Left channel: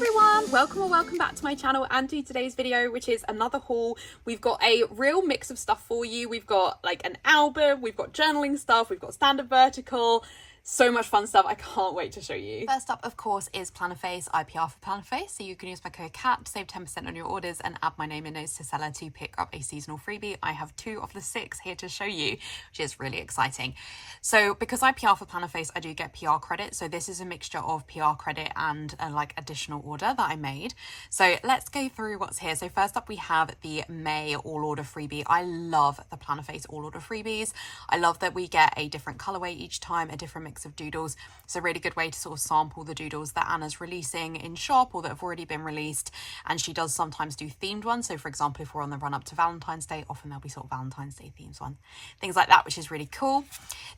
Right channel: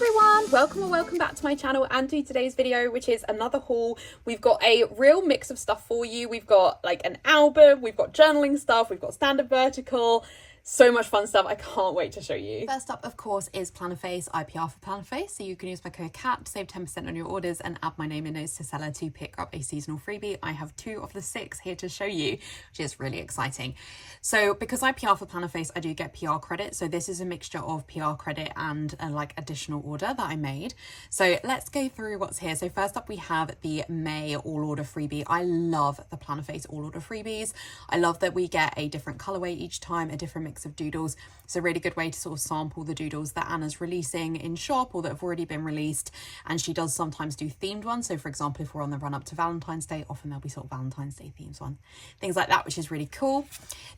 everyone, welcome back to my channel and to today's video, which is another haul. We've got a real mix of stuff for you. We've got like an album, we've got journaling stuff, we've got standard vertical, so much fun stuff. I can't wait to show you. First up, of course, is Plannerface. I PR for Plannerface, so you can use my code CAT to save 10% on your orders and add my name in notes to seller to pick up a seasonal freebie. I have 2 of the 6 here to show you, which is really exciting. So because I PR for Plannerface, I do get PR credit. So this is a mixture of PR credit and a like additional order that I made. So let's go through what's here. So first up, we have the May all order freebie. I love the Plannerface all order freebies. I love that we get a different colorway each time, a different mix of doodles. It's a really good way to sort of sample the doodles that Anna's releasing in shop or that have already been released. And she does sometimes do themed ones. So for example, if we're on the run up to Valentine's Day, often there'll be sort of Valentine's Day themes on, things like that, which is really cool.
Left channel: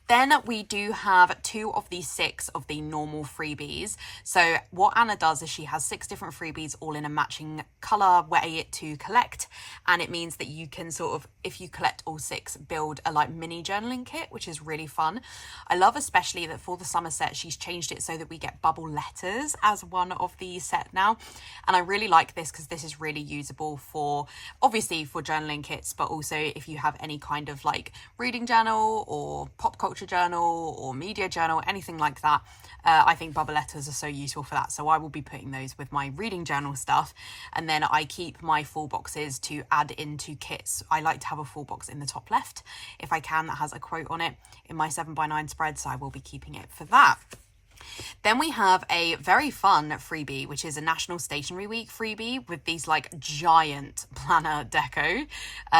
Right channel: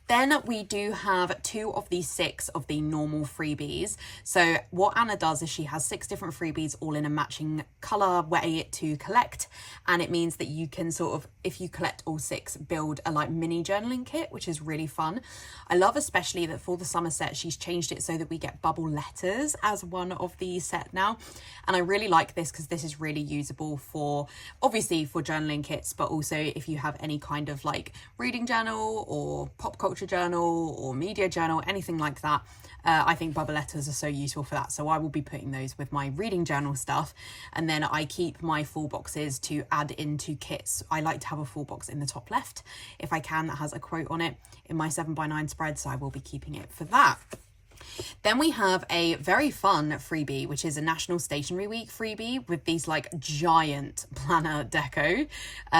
Then we do have 2 of the 6 of the normal freebies. So what Anna does is she has 6 different freebies all in a matching color way to collect. And it means that you can sort of, if you collect all 6, build a like mini journaling kit, which is really fun. I love especially that for the summer set, she's changed it so that we get bubble letters as one of the set now. And I really like this because this is really usable for, obviously for journaling kits, but also if you have any kind of like reading journal or pop culture journal or media journal, anything like that. I think bubble letters are so useful for that. So I will be putting those with my reading journal stuff. And then I keep my full boxes to add into kits. I like to have a full box in the top left, if I can, that has a quote on it in my 7x9 spread. So I will be keeping it for that. Then we have a very fun freebie, which is a National Stationery Week freebie with these like giant planner deco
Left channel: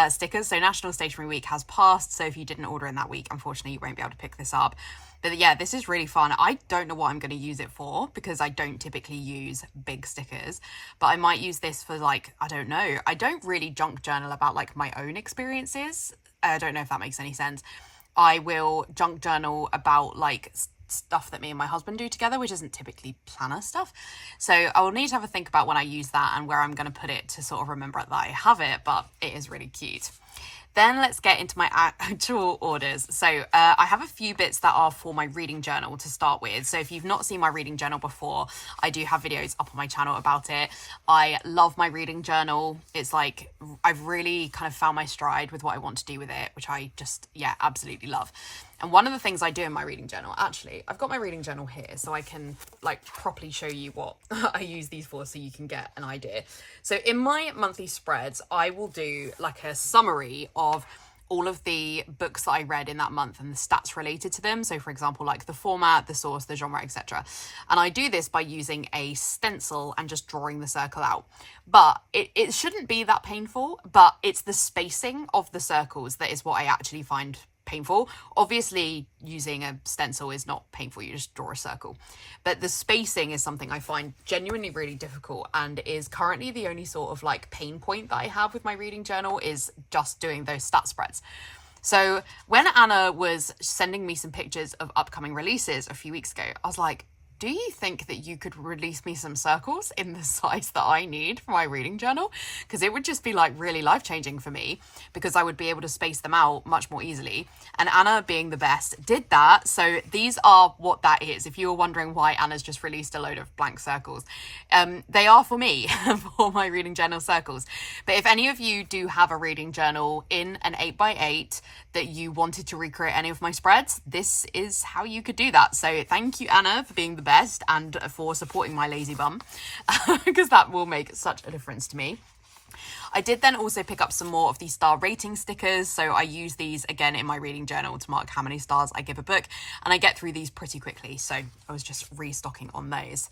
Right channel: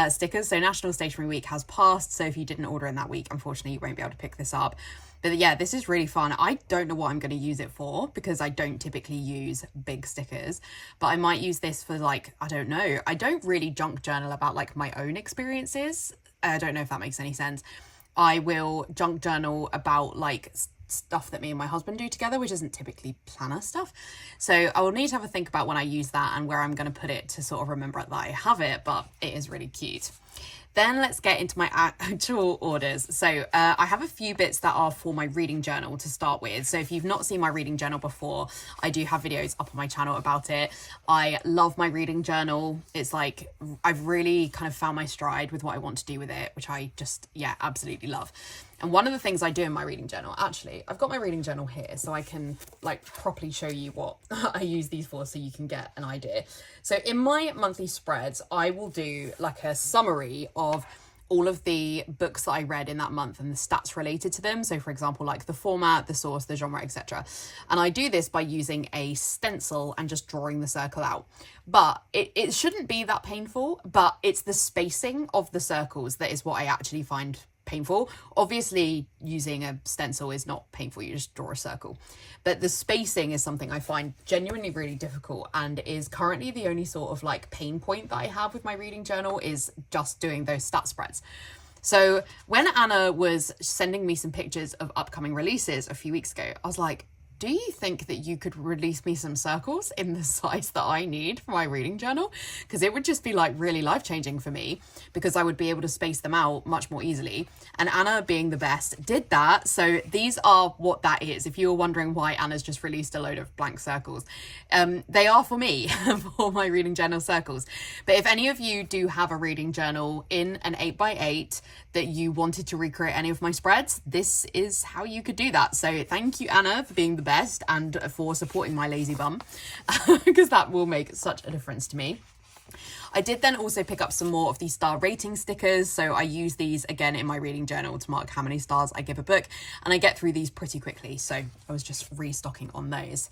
stickers. So National Stationery Week has passed, so if you didn't order in that week, unfortunately you won't be able to pick this up. But yeah, this is really fun. I don't know what I'm going to use it for because I don't typically use big stickers, but I might use this for like, I don't know. I don't really junk journal about like my own experiences. I don't know if that makes any sense. I will junk journal about like stuff that me and my husband do together, which isn't typically planner stuff. So I will need to have a think about when I use that and where I'm going to put it to sort of remember that I have it, but it is really cute. Then let's get into my actual orders. So I have a few bits that are for my reading journal to start with. So if you've not seen my reading journal before, I do have videos up on my channel about it. I love my reading journal. It's like, I've really kind of found my stride with what I want to do with it, which I just, yeah, absolutely love. And one of the things I do in my reading journal, actually, I've got my reading journal here so I can like properly show you what I use these for so you can get an idea. So in my monthly spreads, I will do like a summary of all of the books that I read in that month and the stats related to them. So for example, like the format, the source, the genre, etc. And I do this by using a stencil and just drawing the circle out. But it shouldn't be that painful, but it's the spacing of the circles that is what I actually find painful. Obviously using a stencil is not painful, you just draw a circle, but the spacing is something I find genuinely really difficult and is currently the only sort of like pain point that I have with my reading journal is just doing those stat spreads. So when Anna was sending me some pictures of upcoming releases a few weeks ago, I was like, do you think that you could release me some circles in the size that I need for my reading journal? Because it would just be like really life-changing for me because I would be able to space them out much more easily. And Anna, being the best, did that. So these are what that is. If you were wondering why Anna's just released a load of blank circles, they are for me, for my reading journal circles. But if any of you do have a reading journal in an 8x8 that you wanted to recreate any of my spreads, this is how you could do that. So thank you, Anna, for being the best and for supporting my lazy bum because that will make such a difference to me. I did then also pick up some more of these star rating stickers. So I use these again in my reading journal to mark how many stars I give a book, and I get through these pretty quickly. So I was just restocking on those.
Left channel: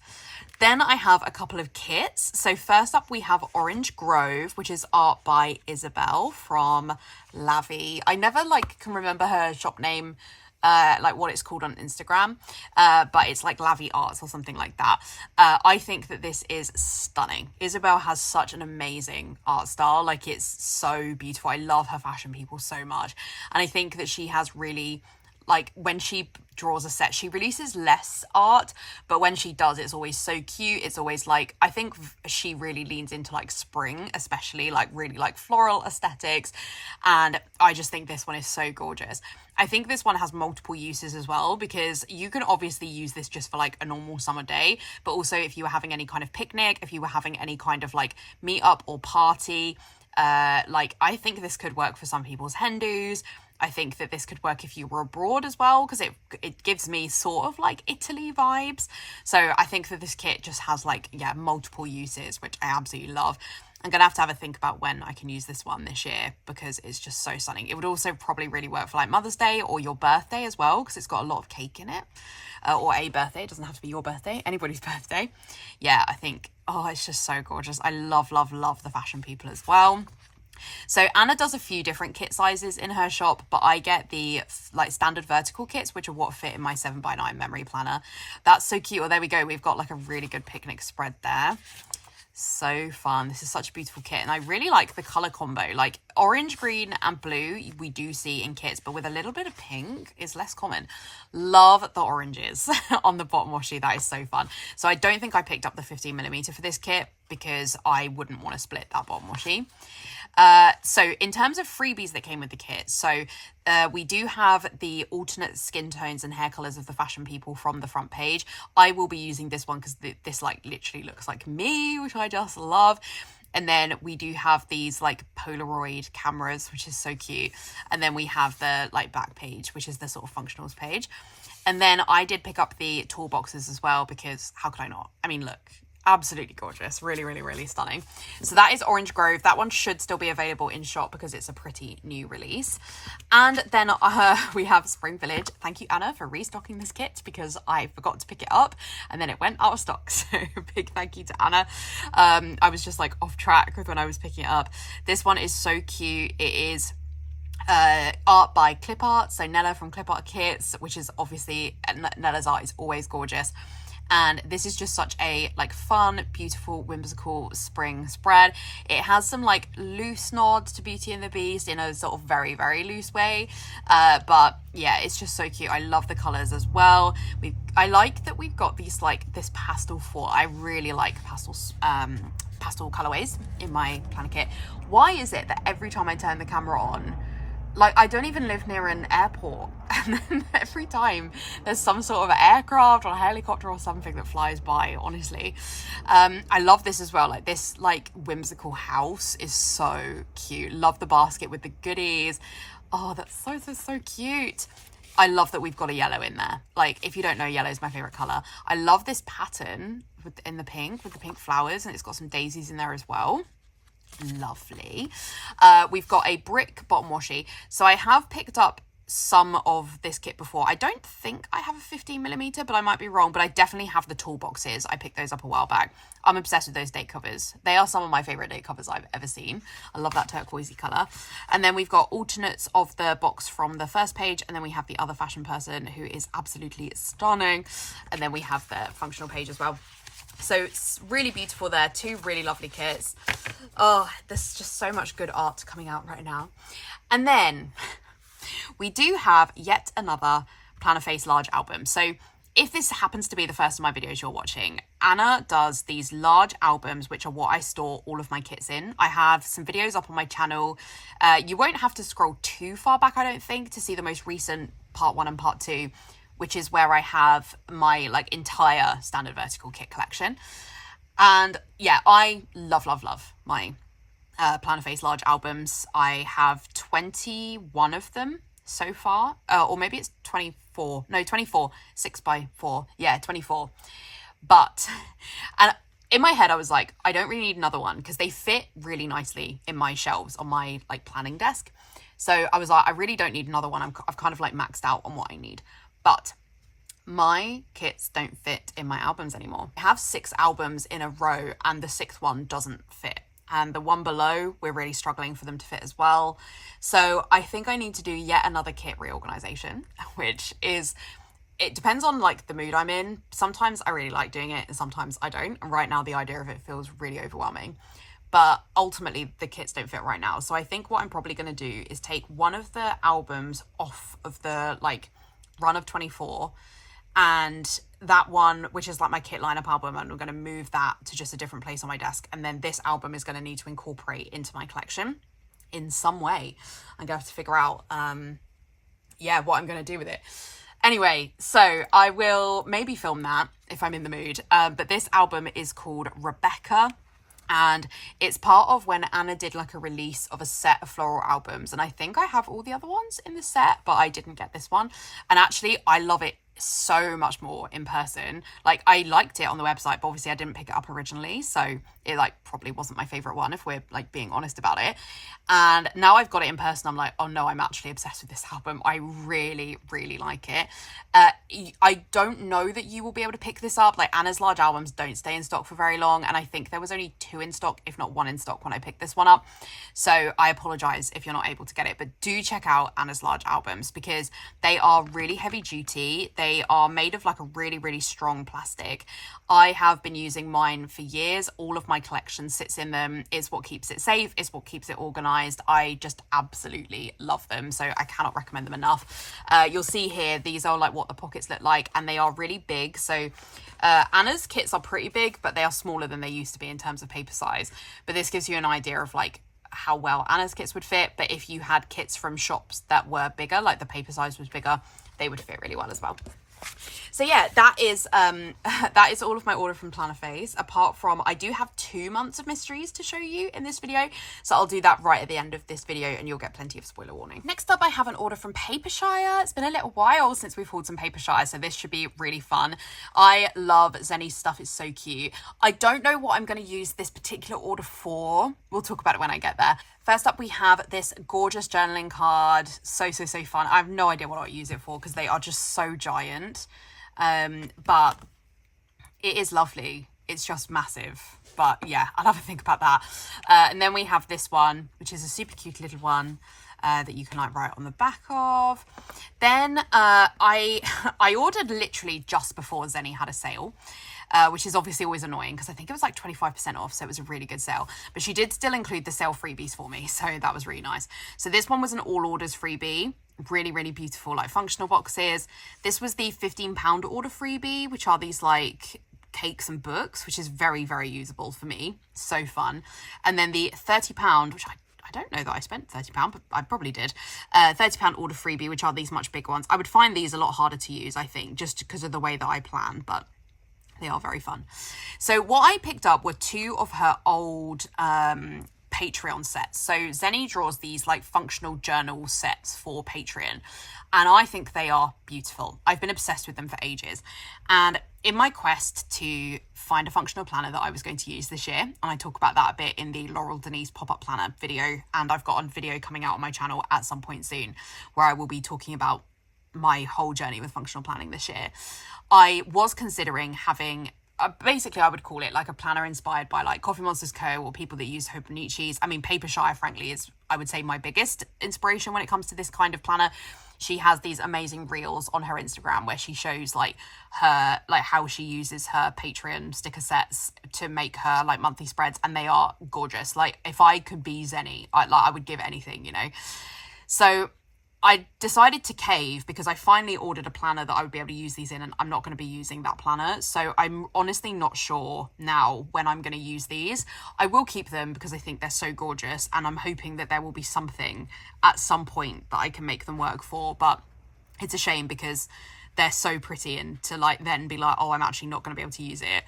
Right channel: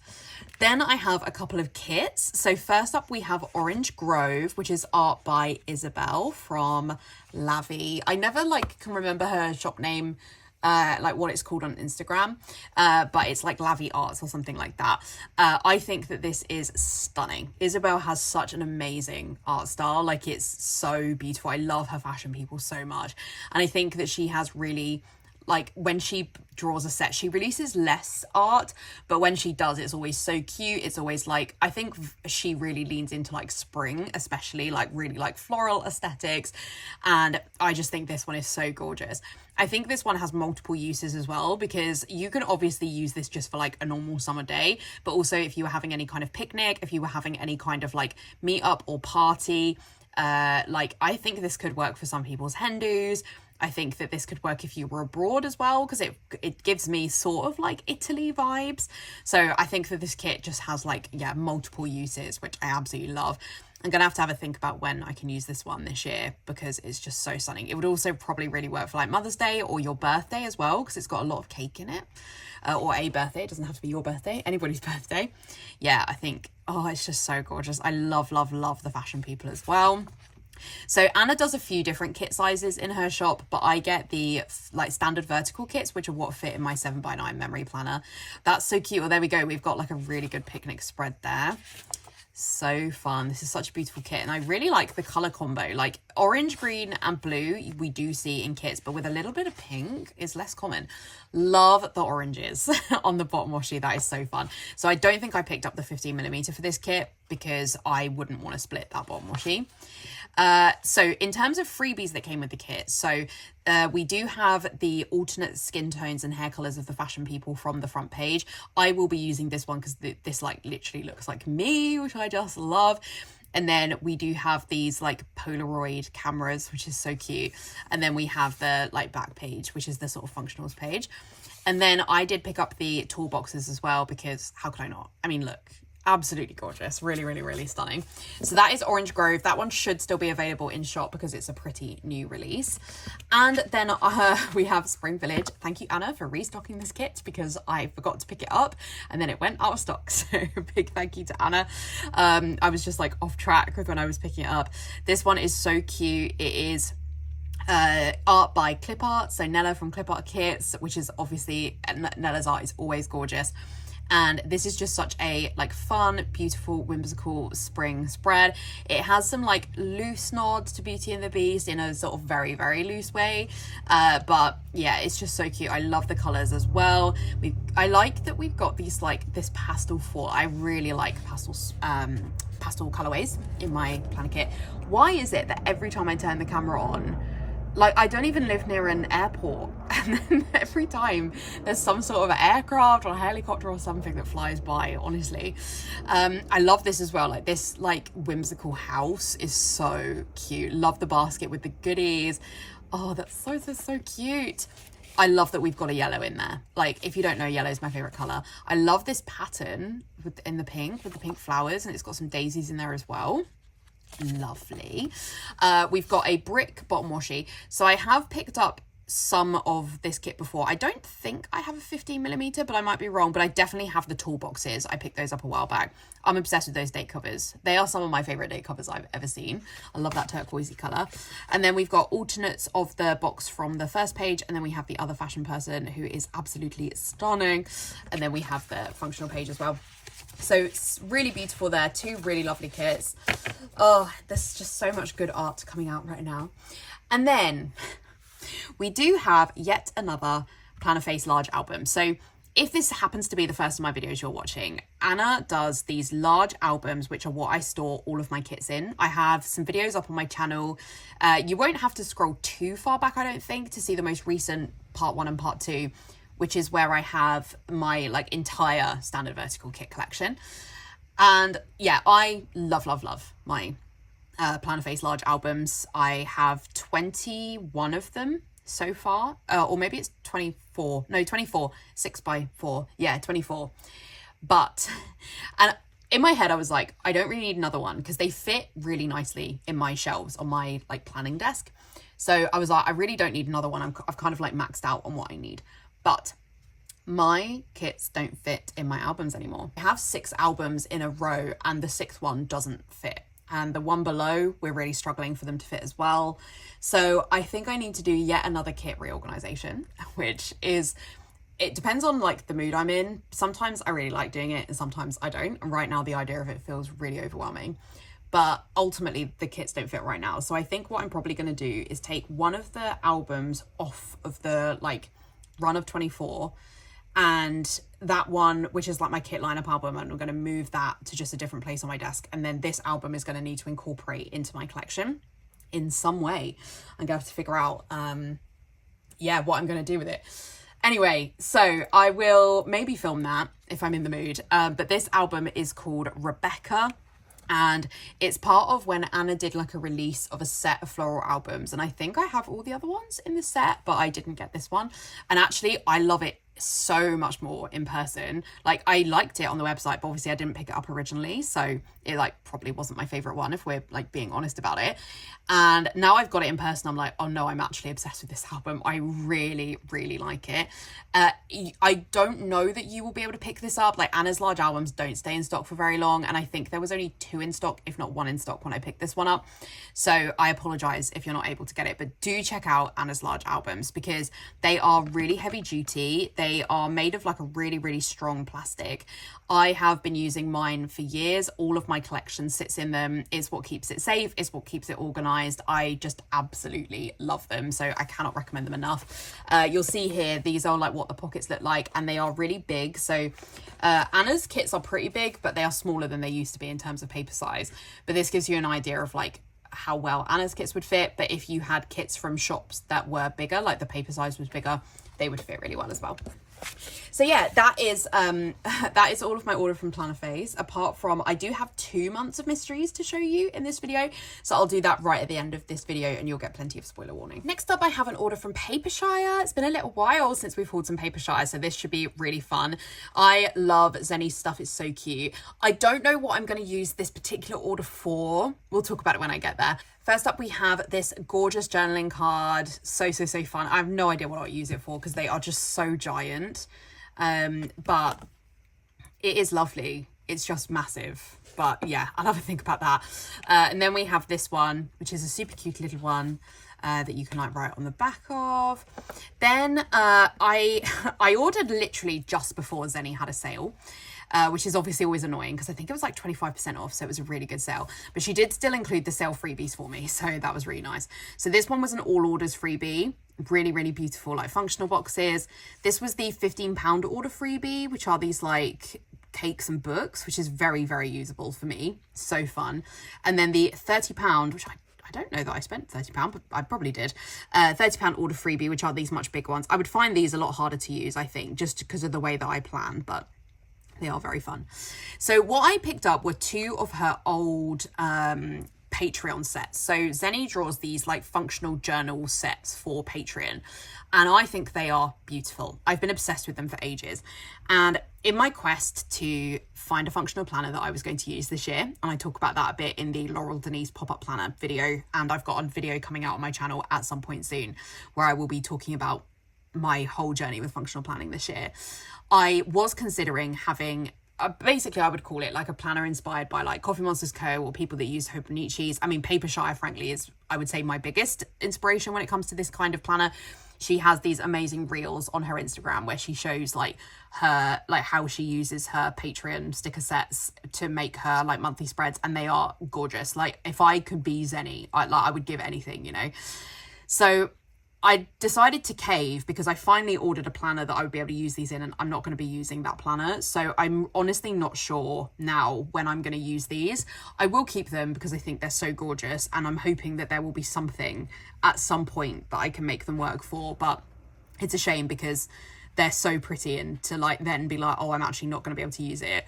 Then I have a couple of kits. So first up we have Orange Grove, which is art by Isabel from Lavi. I never can remember her shop name, like what it's called on Instagram, but it's like Lavi Arts or something like that. I think that this is stunning. Isabel has such an amazing art style. Like, it's so beautiful. I love her fashion people so much, and I think that she has really like when she draws a set, she releases less art, but when she does, it's always so cute. It's always like, I think she really leans into like spring, especially like really like floral aesthetics, and I just think this one is so gorgeous. I think this one has multiple uses as well, because you can obviously use this just for like a normal summer day, but also if you were having any kind of picnic, if you were having any kind of like meet up or party, like I think this could work for some people's hen dos. I think that this could work if you were abroad as well, because it gives me sort of like Italy vibes. So I think that this kit just has like, yeah, multiple uses, which I absolutely love. I'm going to have a think about when I can use this one this year, because it's just so stunning. It would also probably really work for like Mother's Day or your birthday as well, because it's got a lot of cake in it, or a birthday. It doesn't have to be your birthday, anybody's birthday. Yeah, I think, oh, it's just so gorgeous. I love, love, love the fashion people as well. So Anna does a few different kit sizes in her shop, but I get the like standard vertical kits, which are what fit in my 7x9 memory planner. That's so cute. Oh, there we go. We've got like a really good picnic spread there. So fun. This is such a beautiful kit, and I really like the color combo. Like orange, green and blue we do see in kits, but with a little bit of pink is less common. Love the oranges on the bottom washi. That is so fun. So I don't think I picked up the 15mm for this kit, because I wouldn't want to split that bottom washi. So in terms of freebies that came with the kit, so we do have the alternate skin tones and hair colors of the fashion people from the front page. I will be using this one because this like literally looks like me, which I just love. And then we do have these like Polaroid cameras, which is so cute. And then we have the like back page, which is the sort of functionals page. And then I did pick up the toolboxes as well, because how could I not? I mean, look, absolutely gorgeous. Really, really, really stunning. So that is Orange Grove. That one should still be available in shop because it's a pretty new release. And then we have Spring Village. Thank you, Anna, for restocking this kit, because I forgot to pick it up and then it went out of stock. So big thank you to Anna. I was just like off track when I was picking it up. This one is so cute. It is art by Clip Art, so Nella from Clip Art Kits, which is obviously, Nella's art is always gorgeous. And this is just such a like fun, beautiful, whimsical spring spread. It has some like loose nods to Beauty and the Beast in a sort of very, very loose way. But yeah, it's just so cute. I love the colors as well. I like that we've got these like this pastel fall. I really like pastel colorways in my planner kit. Why is it that every time I turn the camera on, like I don't even live near an airport, and then every time there's some sort of aircraft or a helicopter or something that flies by, honestly. I love this as well. Like this like whimsical house is so cute. Love the basket with the goodies. Oh, that's so cute. I love that we've got a yellow in there. Like, if you don't know, yellow is my favorite color. I love this pattern in the pink with the pink flowers, and it's got some daisies in there as well. Lovely. We've got a brick bottom washi. So I have picked up some of this kit before. I don't think I have a 15mm, but I might be wrong, but I definitely have the toolboxes. I picked those up a while back. I'm obsessed with those date covers. They are some of my favorite date covers I've ever seen. I love that turquoisey color. And then we've got alternates of the box from the first page, and then we have the other fashion person, who is absolutely stunning, and then we have the functional page as well. So it's really beautiful there. Two really lovely kits. Oh, there's just so much good art coming out right now. And then we do have yet another Plannerface large album. So if this happens to be the first of my videos you're watching, Anna does these large albums, which are what I store all of my kits in. I have some videos up on my channel. You won't have to scroll too far back, I don't think, to see the most recent part 1 and part 2, which is where I have my like entire standard vertical kit collection. And yeah, I love my Plannerface large albums. I have 21 of them so far, or maybe it's 24, no, 24, 6x4, yeah, 24. But, and in my head I was like, I don't really need another one, because they fit really nicely in my shelves on my like planning desk. So I was like, I really don't need another one. I've kind of like maxed out on what I need. But my kits don't fit in my albums anymore. I have 6 albums in a row, and the 6th one doesn't fit. And the one below, we're really struggling for them to fit as well. So I think I need to do yet another kit reorganization, which is, it depends on like the mood I'm in. Sometimes I really like doing it and sometimes I don't. And right now the idea of it feels really overwhelming. But ultimately the kits don't fit right now. So I think what I'm probably going to do is take one of the albums off of the like run of 24, and that one, which is like my kit lineup album, and I'm going to move that to just a different place on my desk, and then this album is going to need to incorporate into my collection in some way. I'm gonna have to figure out what I'm gonna do with it. Anyway, so I will maybe film that if I'm in the mood, but this album is called Rebecca, and it's part of when Anna did like a release of a set of floral albums, and I think I have all the other ones in the set, but I didn't get this one. And actually I love it so much more in person. Like, I liked it on the website, but obviously I didn't pick it up originally, so it like probably wasn't my favorite one, if we're like being honest about it. And now I've got it in person, I'm like, oh no, I'm actually obsessed with this album. I really like it. I don't know that you will be able to pick this up. Like, Anna's large albums don't stay in stock for very long, and I think there was only 2 in stock, if not 1 in stock, when I picked this one up, so I apologize if you're not able to get it. But do check out Anna's large albums, because they are really heavy duty. They are made of like a really strong plastic. I have been using mine for years. All of my collection sits in them. It's what keeps it safe. It's what keeps it organized. I just absolutely love them, so I cannot recommend them enough. You'll see here, these are like what the pockets look like, and they are really big. So Anna's kits are pretty big, but they are smaller than they used to be in terms of paper size. But this gives you an idea of like how well Anna's kits would fit. But if you had kits from shops that were bigger, like the paper size was bigger, they would fit really well as well. So yeah, that is all of my order from Plannerface, apart from I do have 2 months of mysteries to show you in this video, so I'll do that right at the end of this video and you'll get plenty of spoiler warning. Next up, I have an order from Papershire. It's been a little while since we've hauled some Papershire, so this should be really fun. I love Zenny's stuff. It's so cute. I don't know what I'm going to use this particular order for. We'll talk about it when I get there. First up, we have this gorgeous journaling card. So fun. I have no idea what I'll use it for, because they are just so giant. But it is lovely. It's just massive. But yeah, I'll have a think about that. And then we have this one, which is a super cute little one that you can like write on the back of. Then I ordered literally just before Zenny had a sale. Which is obviously always annoying, because I think it was like 25% off, so it was a really good sale. But she did still include the sale freebies for me, so that was really nice. So this one was an all orders freebie. Really beautiful, like functional boxes. This was the £15 order freebie, which are these like cakes and books, which is very usable for me. So fun. And then the £30, which I don't know that I spent £30, but I probably did. £30 order freebie, which are these much bigger ones. I would find these a lot harder to use, I think, just because of the way that I plan, but they are very fun. So what I picked up were 2 of her old Patreon sets. So Zenny draws these like functional journal sets for Patreon, and I think they are beautiful. I've been obsessed with them for ages. And in my quest to find a functional planner that I was going to use this year, and I talk about that a bit in the Laurel Denise pop-up planner video, and I've got a video coming out on my channel at some point soon where I will be talking about my whole journey with functional planning this year. I was considering having basically I would call it like a planner inspired by like Coffee Monsters Co. or people that use Hobonichis. I mean, Papershire frankly is, I would say, my biggest inspiration when it comes to this kind of planner. She has these amazing reels on her Instagram where she shows like her, like how she uses her Patreon sticker sets to make her like monthly spreads, and they are gorgeous. Like, if I could be Zenny, I would give anything, you know. So I decided to cave because I finally ordered a planner that I would be able to use these in, and I'm not going to be using that planner. So I'm honestly not sure now when I'm going to use these. I will keep them because I think they're so gorgeous, and I'm hoping that there will be something at some point that I can make them work for. But it's a shame because they're so pretty, and to like then be like, oh, I'm actually not going to be able to use it.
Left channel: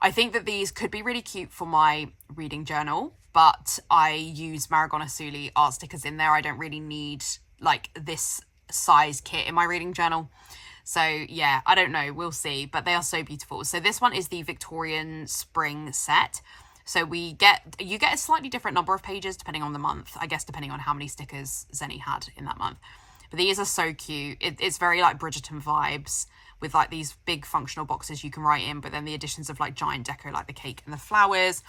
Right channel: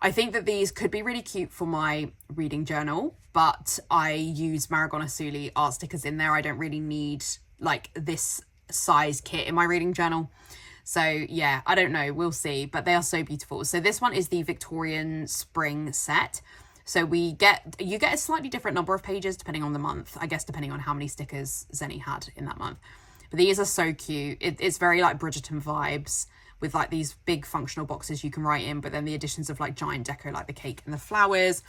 I think that these could be really cute for my reading journal, but I use Marigona Suli art stickers in there. I don't really need like this size kit in my reading journal. So yeah, I don't know, we'll see, but they are so beautiful. So this one is the Victorian spring set. So you get a slightly different number of pages depending on the month, I guess, depending on how many stickers Zenny had in that month. But these are so cute. It's very like Bridgerton vibes, with like these big functional boxes you can write in, but then the additions of like giant deco like the cake and the flowers.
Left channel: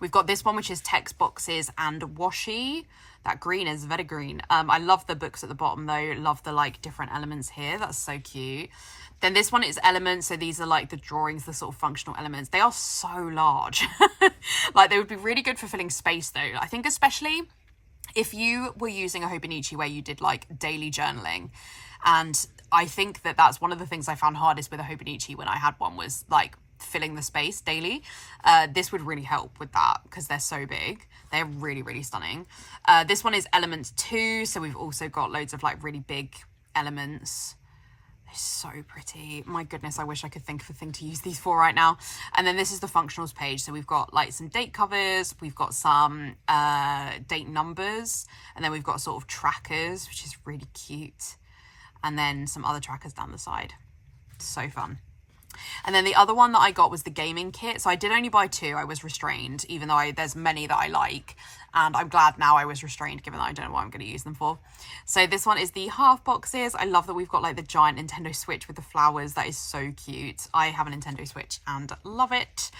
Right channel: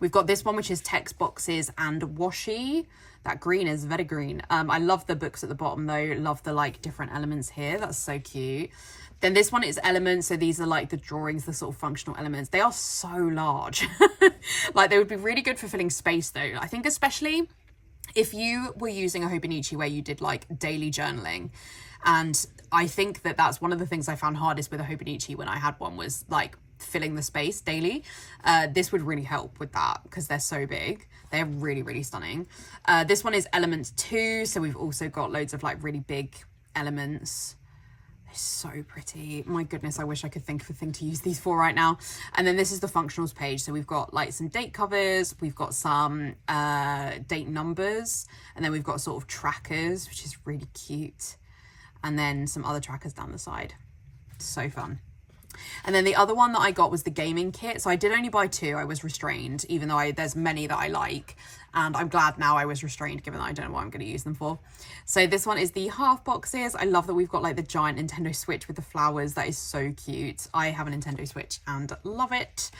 We've got this one, which is text boxes and washi. That green is very green. I love the books at the bottom though. Love the like different elements here. That's so cute. Then this one is elements. So these are like the drawings, the sort of functional elements. They are so large. Like, they would be really good for filling space though. I think especially if you were using a Hobonichi where you did like daily journaling, And I think that that's one of the things I found hardest with a Hobonichi when I had one, was like filling the space daily. This would really help with that because they're so big. They're really, really stunning. This one is Element 2, so we've also got loads of like really big elements. They're so pretty. My goodness, I wish I could think of a thing to use these for right now. And then this is the functionals page. So we've got like some date covers, we've got some date numbers, and then we've got sort of trackers, which is really cute. And then some other trackers down the side. So fun. And then the other one that I got was the gaming kit. So I did only buy 2. I was restrained, even though there's many that I like. And I'm glad now I was restrained, given that I don't know what I'm going to use them for. So this one is the half boxes. I love that we've got like the giant Nintendo Switch with the flowers. That is so cute. I have a Nintendo Switch and love it.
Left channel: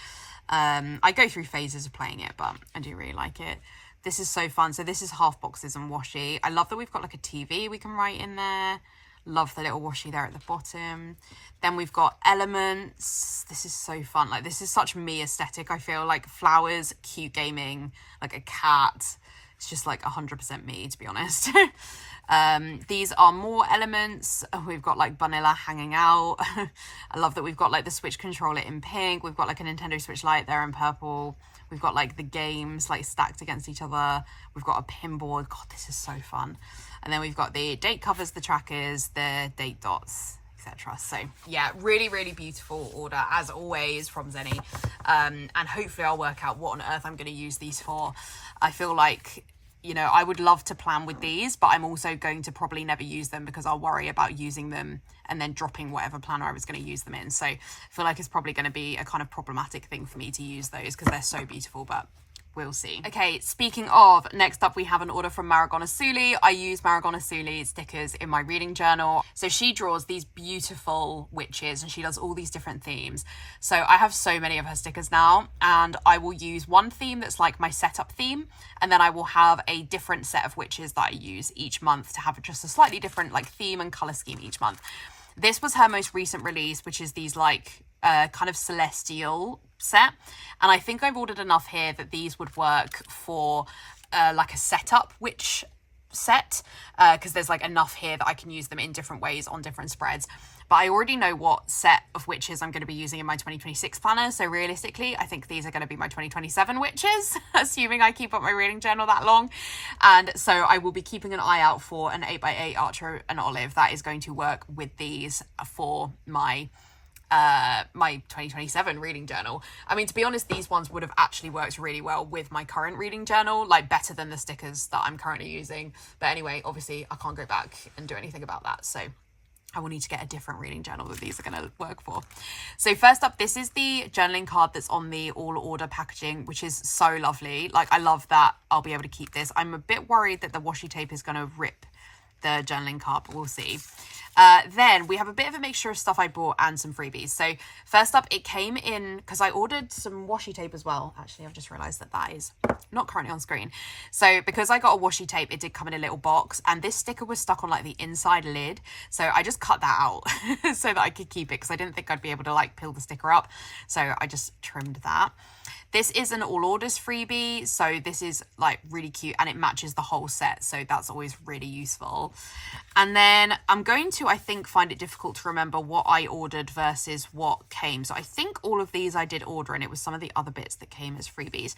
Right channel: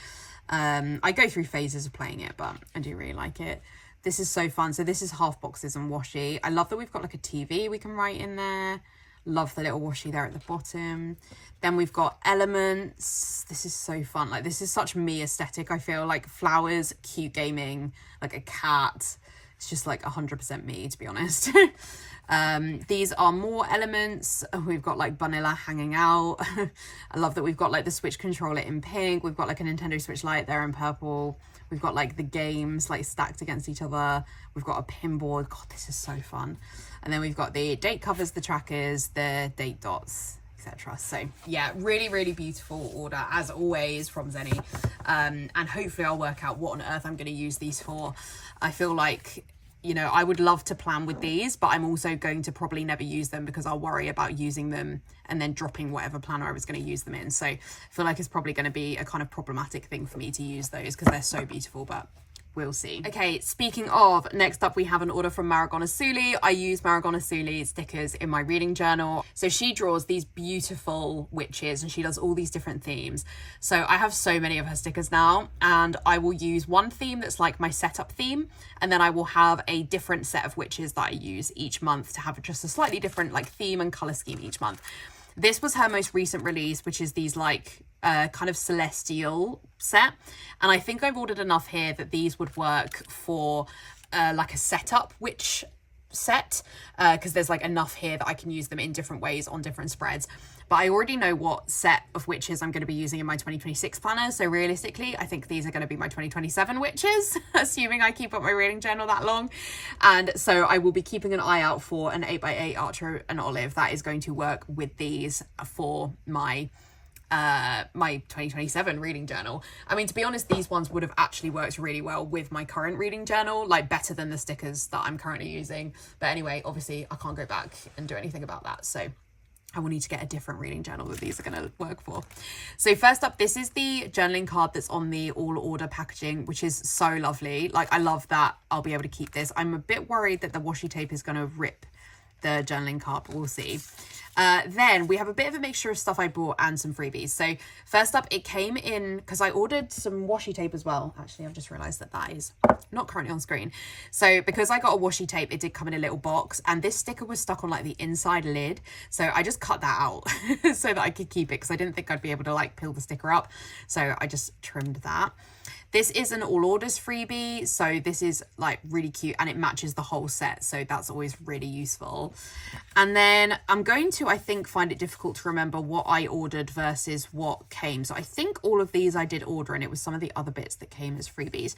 I go through phases of playing it, but I do really like it. This is so fun. So this is half boxes and washi. I love that we've got like a TV we can write in there. Love the little washi there at the bottom. Then we've got elements. This is so fun. Like, this is such me aesthetic. I feel like flowers, cute gaming, like a cat. It's just like 100% me, to be honest. These are more elements. We've got like vanilla hanging out. I love that we've got like the Switch controller in pink. We've got like a Nintendo Switch Lite there in purple. We've got like the games like stacked against each other. We've got a pinboard. God, this is so fun. And then we've got the date covers, the trackers, the date dots, etc. So yeah, really, really beautiful order as always from Zenny. And hopefully I'll work out what on earth I'm going to use these for. I feel like, you know, I would love to plan with these, but I'm also going to probably never use them because I'll worry about using them and then dropping whatever planner I was going to use them in. So I feel like it's probably going to be a kind of problematic thing for me to use those because they're so beautiful, but we'll see. Okay, speaking of, next up we have an order from Marigona Suli. I use Marigona Suli stickers in my reading journal. So she draws these beautiful witches and she does all these different themes. So I have so many of her stickers now, and I will use one theme that's like my setup theme, and then I will have a different set of witches that I use each month to have just a slightly different like theme and color scheme each month. This was her most recent release, which is these like kind of celestial set, and I think I've ordered enough here that these would work for like a setup witch set, because there's like enough here that I can use them in different ways on different spreads. But I already know what set of witches I'm going to be using in my 2026 planner, so realistically I think these are going to be my 2027 witches, assuming I keep up my reading journal that long. And so I will be keeping an eye out for an 8x8 Archer and Olive that is going to work with these for my 2027 reading journal. I mean, to be honest, these ones would have actually worked really well with my current reading journal, like better than the stickers that I'm currently using. But anyway, obviously I can't go back and do anything about that, so I will need to get a different reading journal that these are going to work for. So first up, this is the journaling card that's on the all order packaging, which is so lovely. Like, I love that I'll be able to keep this. I'm a bit worried that the washi tape is going to rip the journaling card, but we'll see. Then we have a bit of a mixture of stuff I bought and some freebies. So first up, it came in because I ordered some washi tape as well. Actually, I've just realized that that is not currently on screen. So because I got a washi tape, it did come in a little box, and this sticker was stuck on like the inside lid. So I just cut that out so that I could keep it because I didn't think I'd be able to like peel the sticker up. So I just trimmed that. This is an all orders freebie, so this is like really cute and it matches the whole set, so that's always really useful. And then I'm going to, I think, find it difficult to remember what I ordered versus what came. So I think all of these I did order, and it was some of the other bits that came as freebies.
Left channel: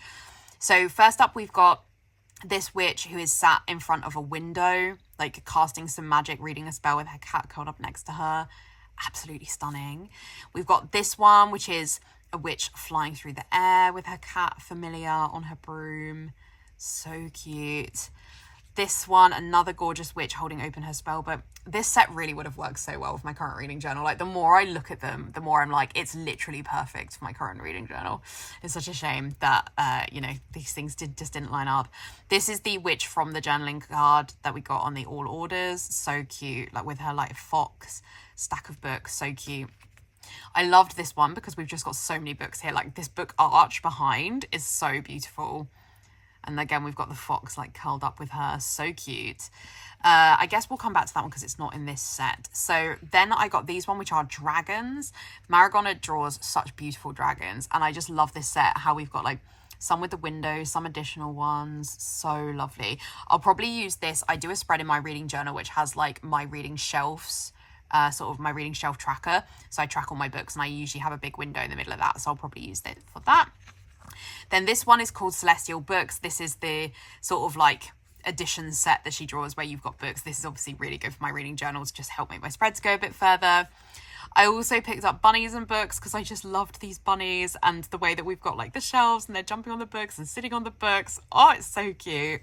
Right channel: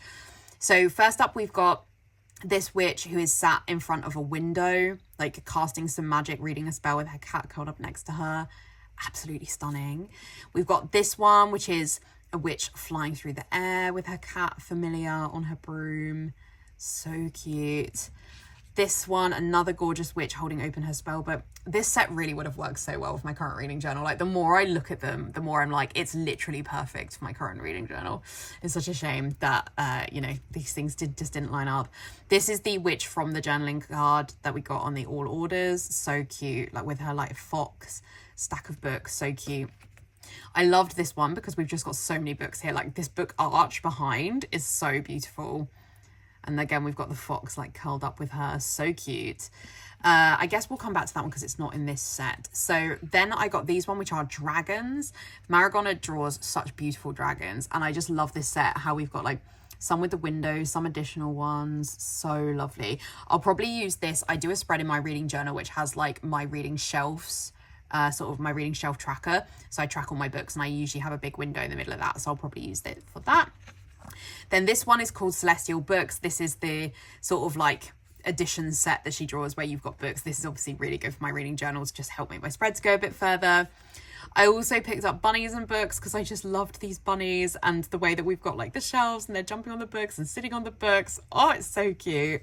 So first up, we've got this witch who is sat in front of a window, like casting some magic, reading a spell with her cat curled up next to her. Absolutely stunning. We've got this one, which is a witch flying through the air with her cat Familiar on her broom. So cute. This one, another gorgeous witch holding open her spell book. This set really would have worked so well with my current reading journal. Like, the more I look at them, the more I'm like, it's literally perfect for my current reading journal. It's such a shame that, you know, these things just didn't line up. This is the witch from the journaling card that we got on the all orders. So cute, like with her like fox stack of books. So cute. I loved this one because we've just got so many books here. Like, this book arch behind is so beautiful. And again, we've got the fox like curled up with her. So cute. I guess we'll come back to that one because it's not in this set. So then I got these one, which are dragons. Marigona draws such beautiful dragons. And I just love this set, how we've got like some with the windows, some additional ones. So lovely. I'll probably use this. I do a spread in my reading journal which has like my reading shelves, sort of my reading shelf tracker. So I track all my books and I usually have a big window in the middle of that. So I'll probably use it for that. Then this one is called Celestial Books. This is the sort of like edition set that she draws where you've got books. This is obviously really good for my reading journals, just help make my spreads go a bit further. I also picked up bunnies and books because I just loved these bunnies and the way that we've got like the shelves and they're jumping on the books and sitting on the books. Oh, it's so cute.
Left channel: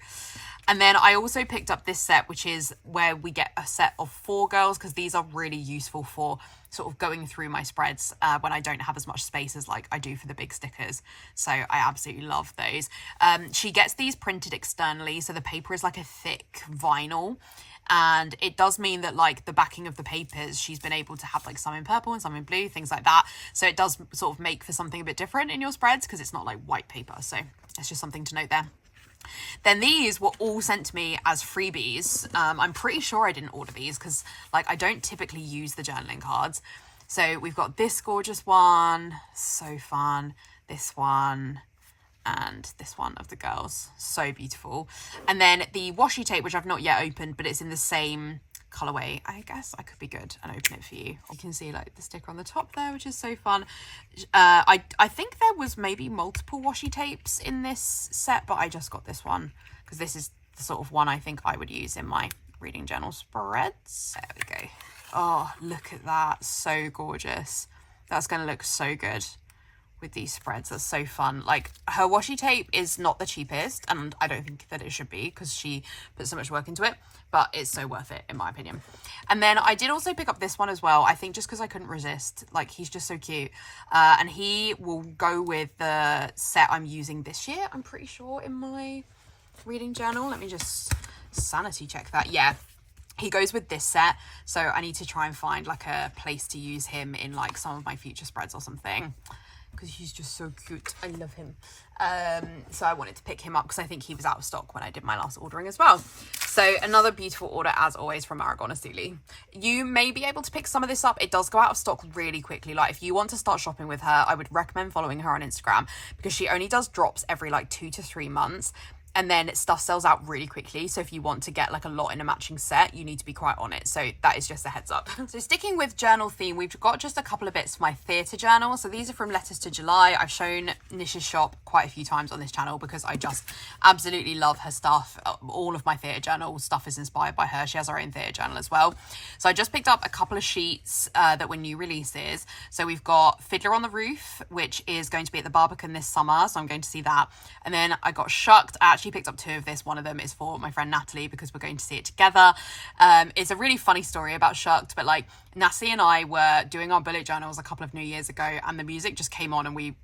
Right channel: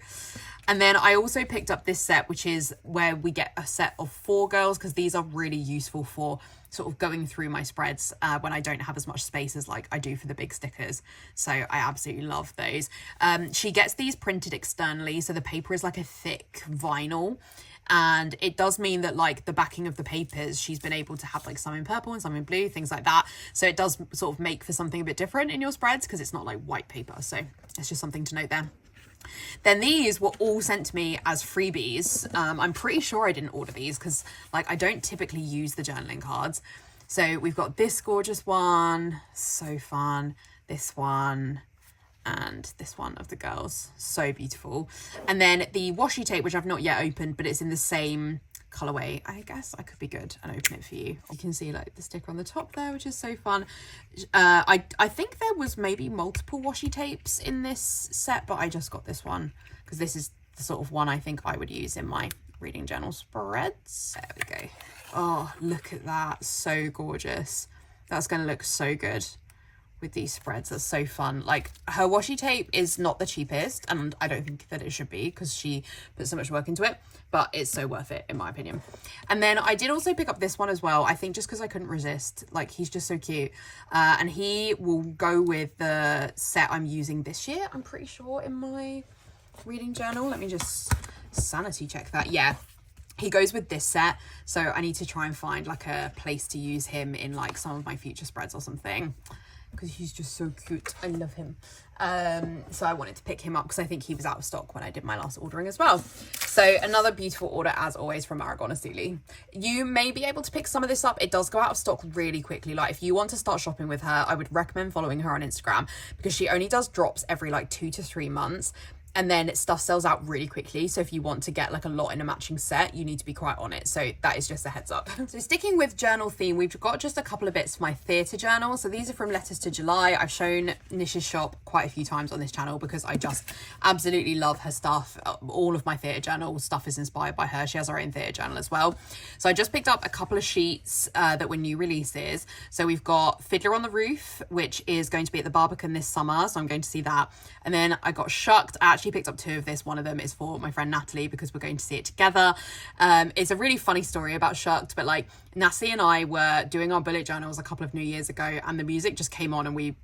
And then I also picked up this set, which is where we get a set of 4 girls, because these are really useful for sort of going through my spreads when I don't have as much space as like I do for the big stickers. So I absolutely love those. She gets these printed externally, so the paper is like a thick vinyl. And it does mean that like the backing of the papers, she's been able to have like some in purple and some in blue, things like that. So it does sort of make for something a bit different in your spreads because it's not like white paper. So it's just something to note there. Then these were all sent to me as freebies. I'm pretty sure I didn't order these because like I don't typically use the journaling cards. So we've got this gorgeous one, so fun, this one, and this one of the girls, so beautiful. And then the washi tape, which I've not yet opened, but it's in the same colorway. I guess I could be good and open it for you. You can see like the sticker on the top there, which is so fun. I think there was maybe multiple washi tapes in this set, but I just got this one because this is the sort of one I think I would use in my reading journal spreads. There we go. Oh, look at that, so gorgeous. That's going to look so good with these spreads. That's so fun. Like, her washi tape is not the cheapest, and I don't think that it should be because she put so much work into it, but it's so worth it in my opinion. And then I did also pick up this one as well, I think just because I couldn't resist. Like, he's just so cute, and he will go with the set I'm using this year, I'm pretty sure, in my reading journal. Let me just sanity check that. Yeah, he goes with this set, so I need to try and find like a place to use him in like some of my future spreads or something, because he's just so cute. I love him. So I wanted to pick him up because I think he was out of stock when I did my last ordering as well. So another beautiful order as always from Marigona Suli. You may be able to pick some of this up. It does go out of stock really quickly. Like, if you want to start shopping with her, I would recommend following her on Instagram because she only does drops every like 2 to 3 months. And then stuff sells out really quickly. So if you want to get like a lot in a matching set, you need to be quite on it. So that is just a heads up. So sticking with journal theme, we've got just a couple of bits for my theatre journal. So these are from Letters to July. I've shown Nish's shop quite a few times on this channel because I just absolutely love her stuff. All of my theatre journal stuff is inspired by her. She has her own theatre journal as well. So I just picked up a couple of sheets that were new releases. So we've got Fiddler on the Roof, which is going to be at the Barbican this summer. So I'm going to see that. And then I got Shucked. She picked up 2 of this. One of them is for my friend Natalie because we're going to see it together. It's a really funny story about Shucked, but like Natalie and I were doing our bullet journals a couple of New Years ago and the music just came on and we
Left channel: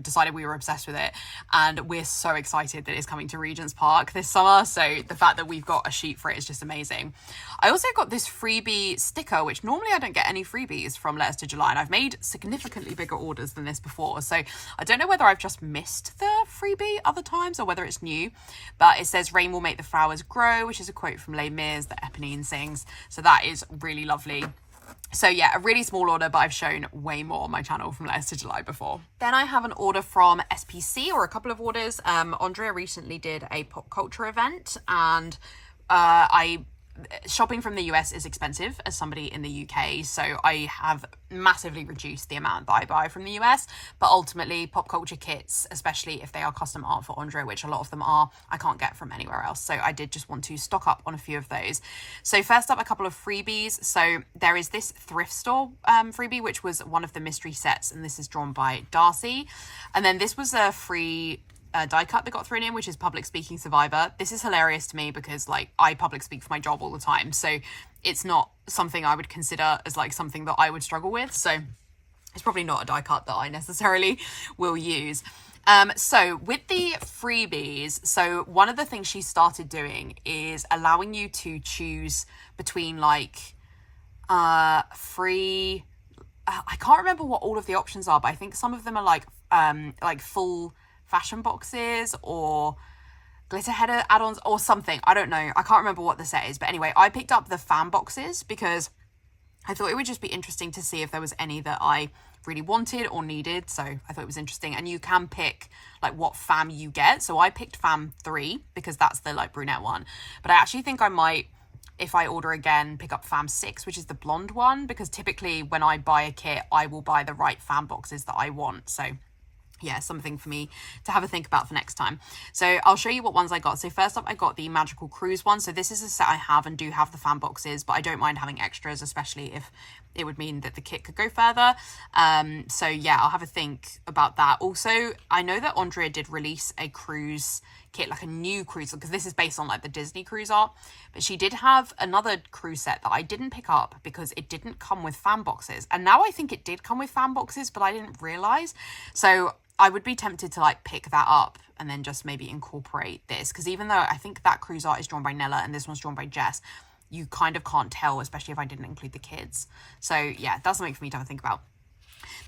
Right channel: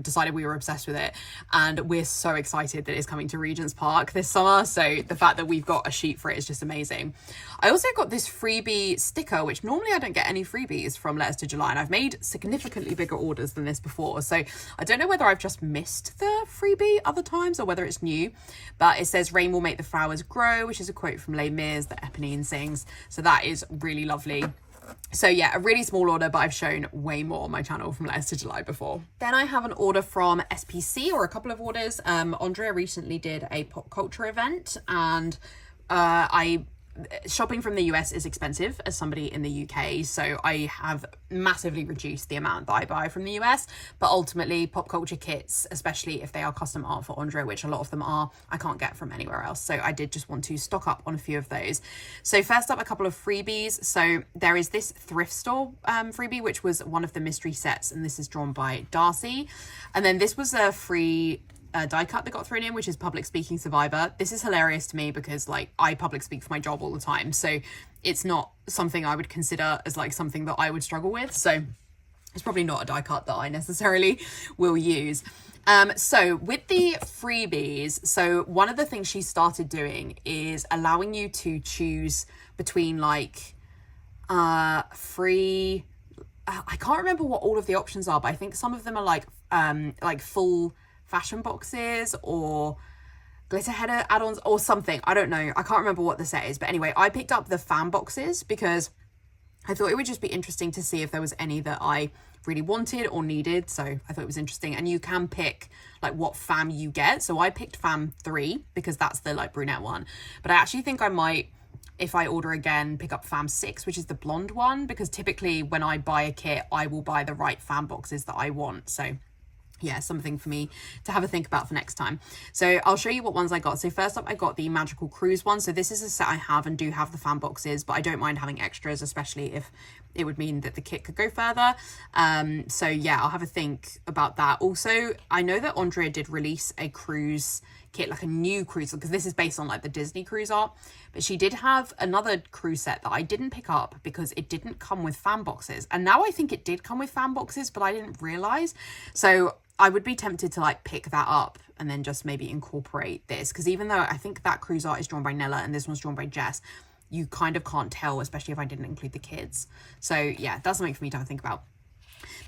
decided we were obsessed with it, and we're so excited that it's coming to Regent's Park this summer. So the fact that we've got a sheet for it is just amazing. I also got this freebie sticker, which normally I don't get any freebies from Letters to July, and I've made significantly bigger orders than this before, so I don't know whether I've just missed the freebie other times or whether it's new, but it says rain will make the flowers grow, which is a quote from Les Mis that Eponine sings, so that is really lovely. So yeah, a really small order, but I've shown way more on my channel from Letters to July before. Then I have an order from SPC, or a couple of orders. Andrea recently did a pop culture event, and shopping from the US is expensive as somebody in the UK, so I have massively reduced the amount that I buy from the US, but ultimately pop culture kits, especially if they are custom art for Andrea, which a lot of them are, I can't get from anywhere else, so I did just want to stock up on a few of those. So first up, a couple of freebies. So there is this thrift store freebie, which was one of the mystery sets, and this is drawn by Darcy, and then this was a free die cut that got thrown in, which is Public Speaking Survivor. This is hilarious to me because like I public speak for my job all the time, so it's not something I would consider as like something that I would struggle with, so it's probably not a die cut that I necessarily will use. So with the freebies, so one of the things she started doing is allowing you to choose between like free, I can't remember what all of the options are, but I think some of them are like full fashion boxes or glitter header add-ons or something. I don't know. I can't remember what the set is. But anyway, I picked up the fan boxes because I thought it would just be interesting to see if there was any that I really wanted or needed. So I thought it was interesting. And you can pick like what fam you get. So I picked fam 3 because that's the like brunette one. But I actually think I might, if I order again, pick up fam 6, which is the blonde one, because typically when I buy a kit, I will buy the right fam boxes that I want. So yeah, something for me to have a think about for next time. So I'll show you what ones I got. So first up, I got the Magical Cruise one. So this is a set I have and do have the fan boxes, but I don't mind having extras, especially if it would mean that the kit could go further. So yeah, I'll have a think about that. Also, I know that Andrea did release a cruise kit, like a new cruise, because this is based on like the Disney cruise art, but she did have another cruise set that I didn't pick up because it didn't come with fan boxes. And now I think it did come with fan boxes, but I didn't realize. So I would be tempted to like pick that up and then just maybe incorporate this, because even though I think that cruise art is drawn by Nella and this one's drawn by Jess, you kind of can't tell, especially if I didn't include the kids. So yeah, that's something for me to have a think about.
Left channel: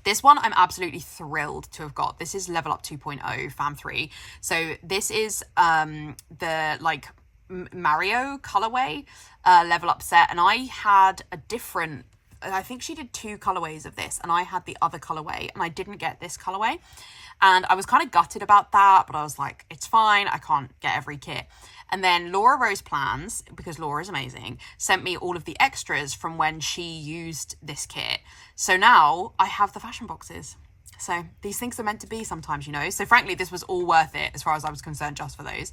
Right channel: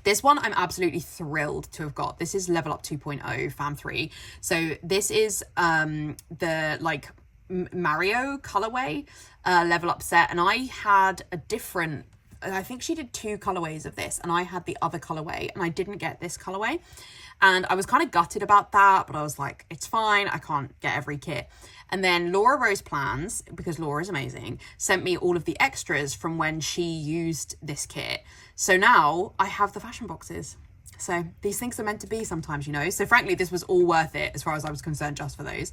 This one I'm absolutely thrilled to have got. This is Level Up 2.0 Fam 3. So this is the like Mario colorway Level Up set, and I had a different, I think she did 2 colorways of this, and I had the other colorway, and I didn't get this colorway. And I was kind of gutted about that, but I was like, it's fine, I can't get every kit. And then Laura Rose Plans, because Laura is amazing, sent me all of the extras from when she used this kit. So now I have the fashion boxes. So these things are meant to be sometimes, you know. So frankly, this was all worth it as far as I was concerned, just for those.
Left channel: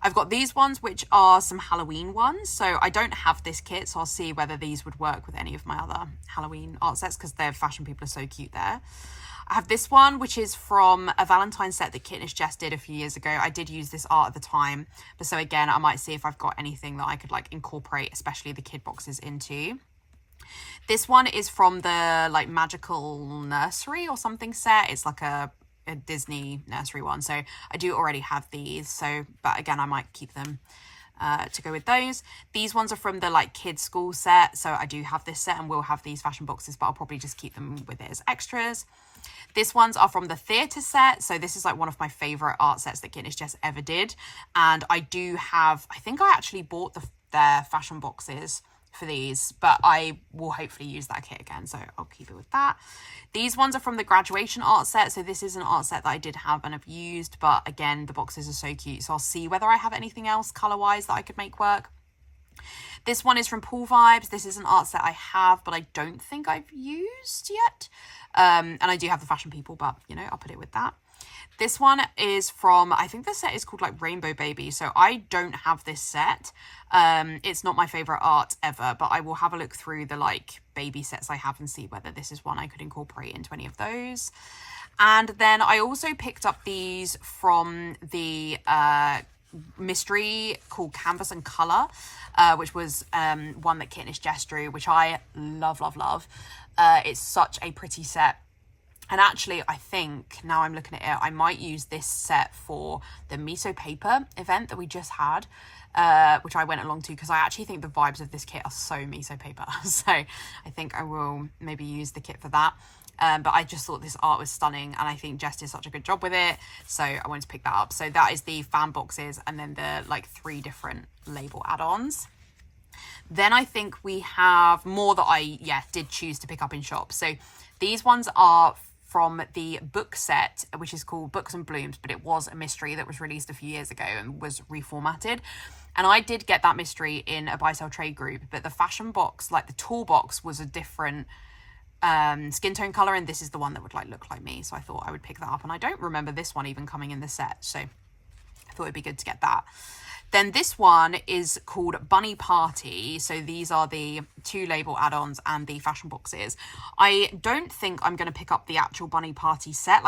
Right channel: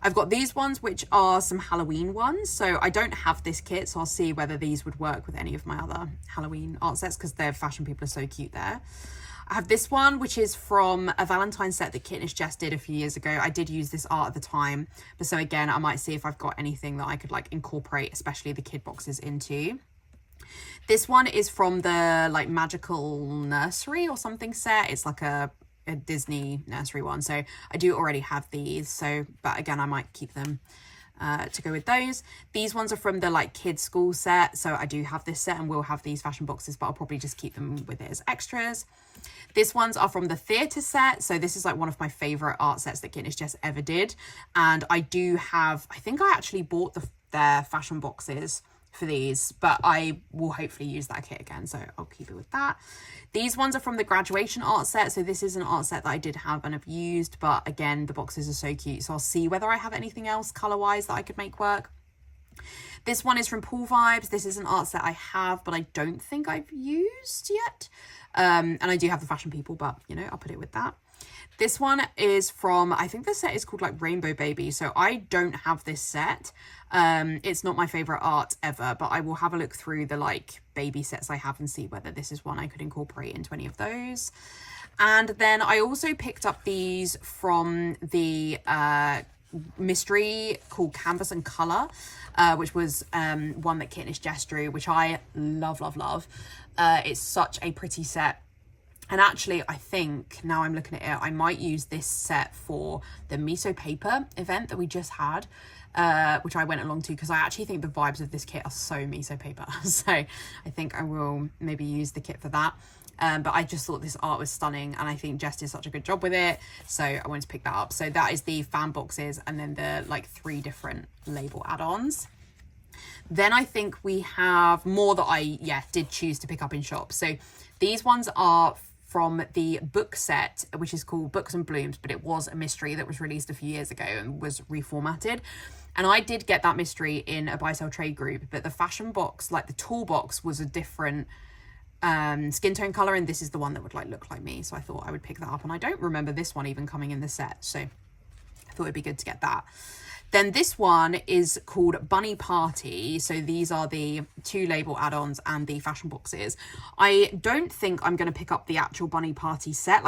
I've got these ones, which are some Halloween ones. So I don't have this kit, so I'll see whether these would work with any of my other Halloween art sets, because their fashion people are so cute there. I have this one, which is from a Valentine's set that Kitnish Jess did a few years ago. I did use this art at the time, but so again, I might see if I've got anything that I could like incorporate, especially the kid boxes, into. This one is from the like Magical Nursery or something set. It's like a Disney nursery one, so I do already have these. So, but again, I might keep them to go with those. These ones are from the like kids school set, so I do have this set and will have these fashion boxes, but I'll probably just keep them with it as extras. These ones are from the theatre set, so this is like one of my favourite art sets that Kitnish Jess ever did, and I do have, I think I actually bought their fashion boxes for these, but I will hopefully use that kit again, so I'll keep it with that. These ones are from the graduation art set, so this is an art set that I did have and have used, but again, the boxes are so cute, so I'll see whether I have anything else colour-wise that I could make work. This one is from Pool Vibes. This is an art set I have, but I don't think I've used yet. And I do have the fashion people, but, you know, I'll put it with that. This one is from, I think the set is called like Rainbow Baby. So I don't have this set. It's not my favourite art ever, but I will have a look through the like baby sets I have and see whether this is one I could incorporate into any of those. And then I also picked up these from the mystery called Canvas and Colour, which was one that Kitnish Jess drew, which I love. It's such a pretty set. And actually, I think, now I'm looking at it, I might use this set for the Miso Paper event that we just had, which I went along to, because I actually think the vibes of this kit are so Miso Paper. So I think I will maybe use the kit for that. But I just thought this art was stunning, and I think Jess did such a good job with it, so I wanted to pick that up. So that is the fan boxes, and then the like 3 different label add-ons. Then I think we have more that I did choose to pick up in shops. So these ones are from the book set, which is called Books and Blooms, but it was a mystery that was released a few years ago and was reformatted. And I did get that mystery in a buy sell trade group, but the fashion box, like the toolbox, was a different skin tone color, and this is the one that would like look like me, so I thought I would pick that up. And I don't remember this one even coming in the set, so I thought it'd be good to get that. Then this one is called Bunny Party. So these are the 2 label add-ons and the fashion boxes. I don't think I'm going to pick up the actual Bunny Party set.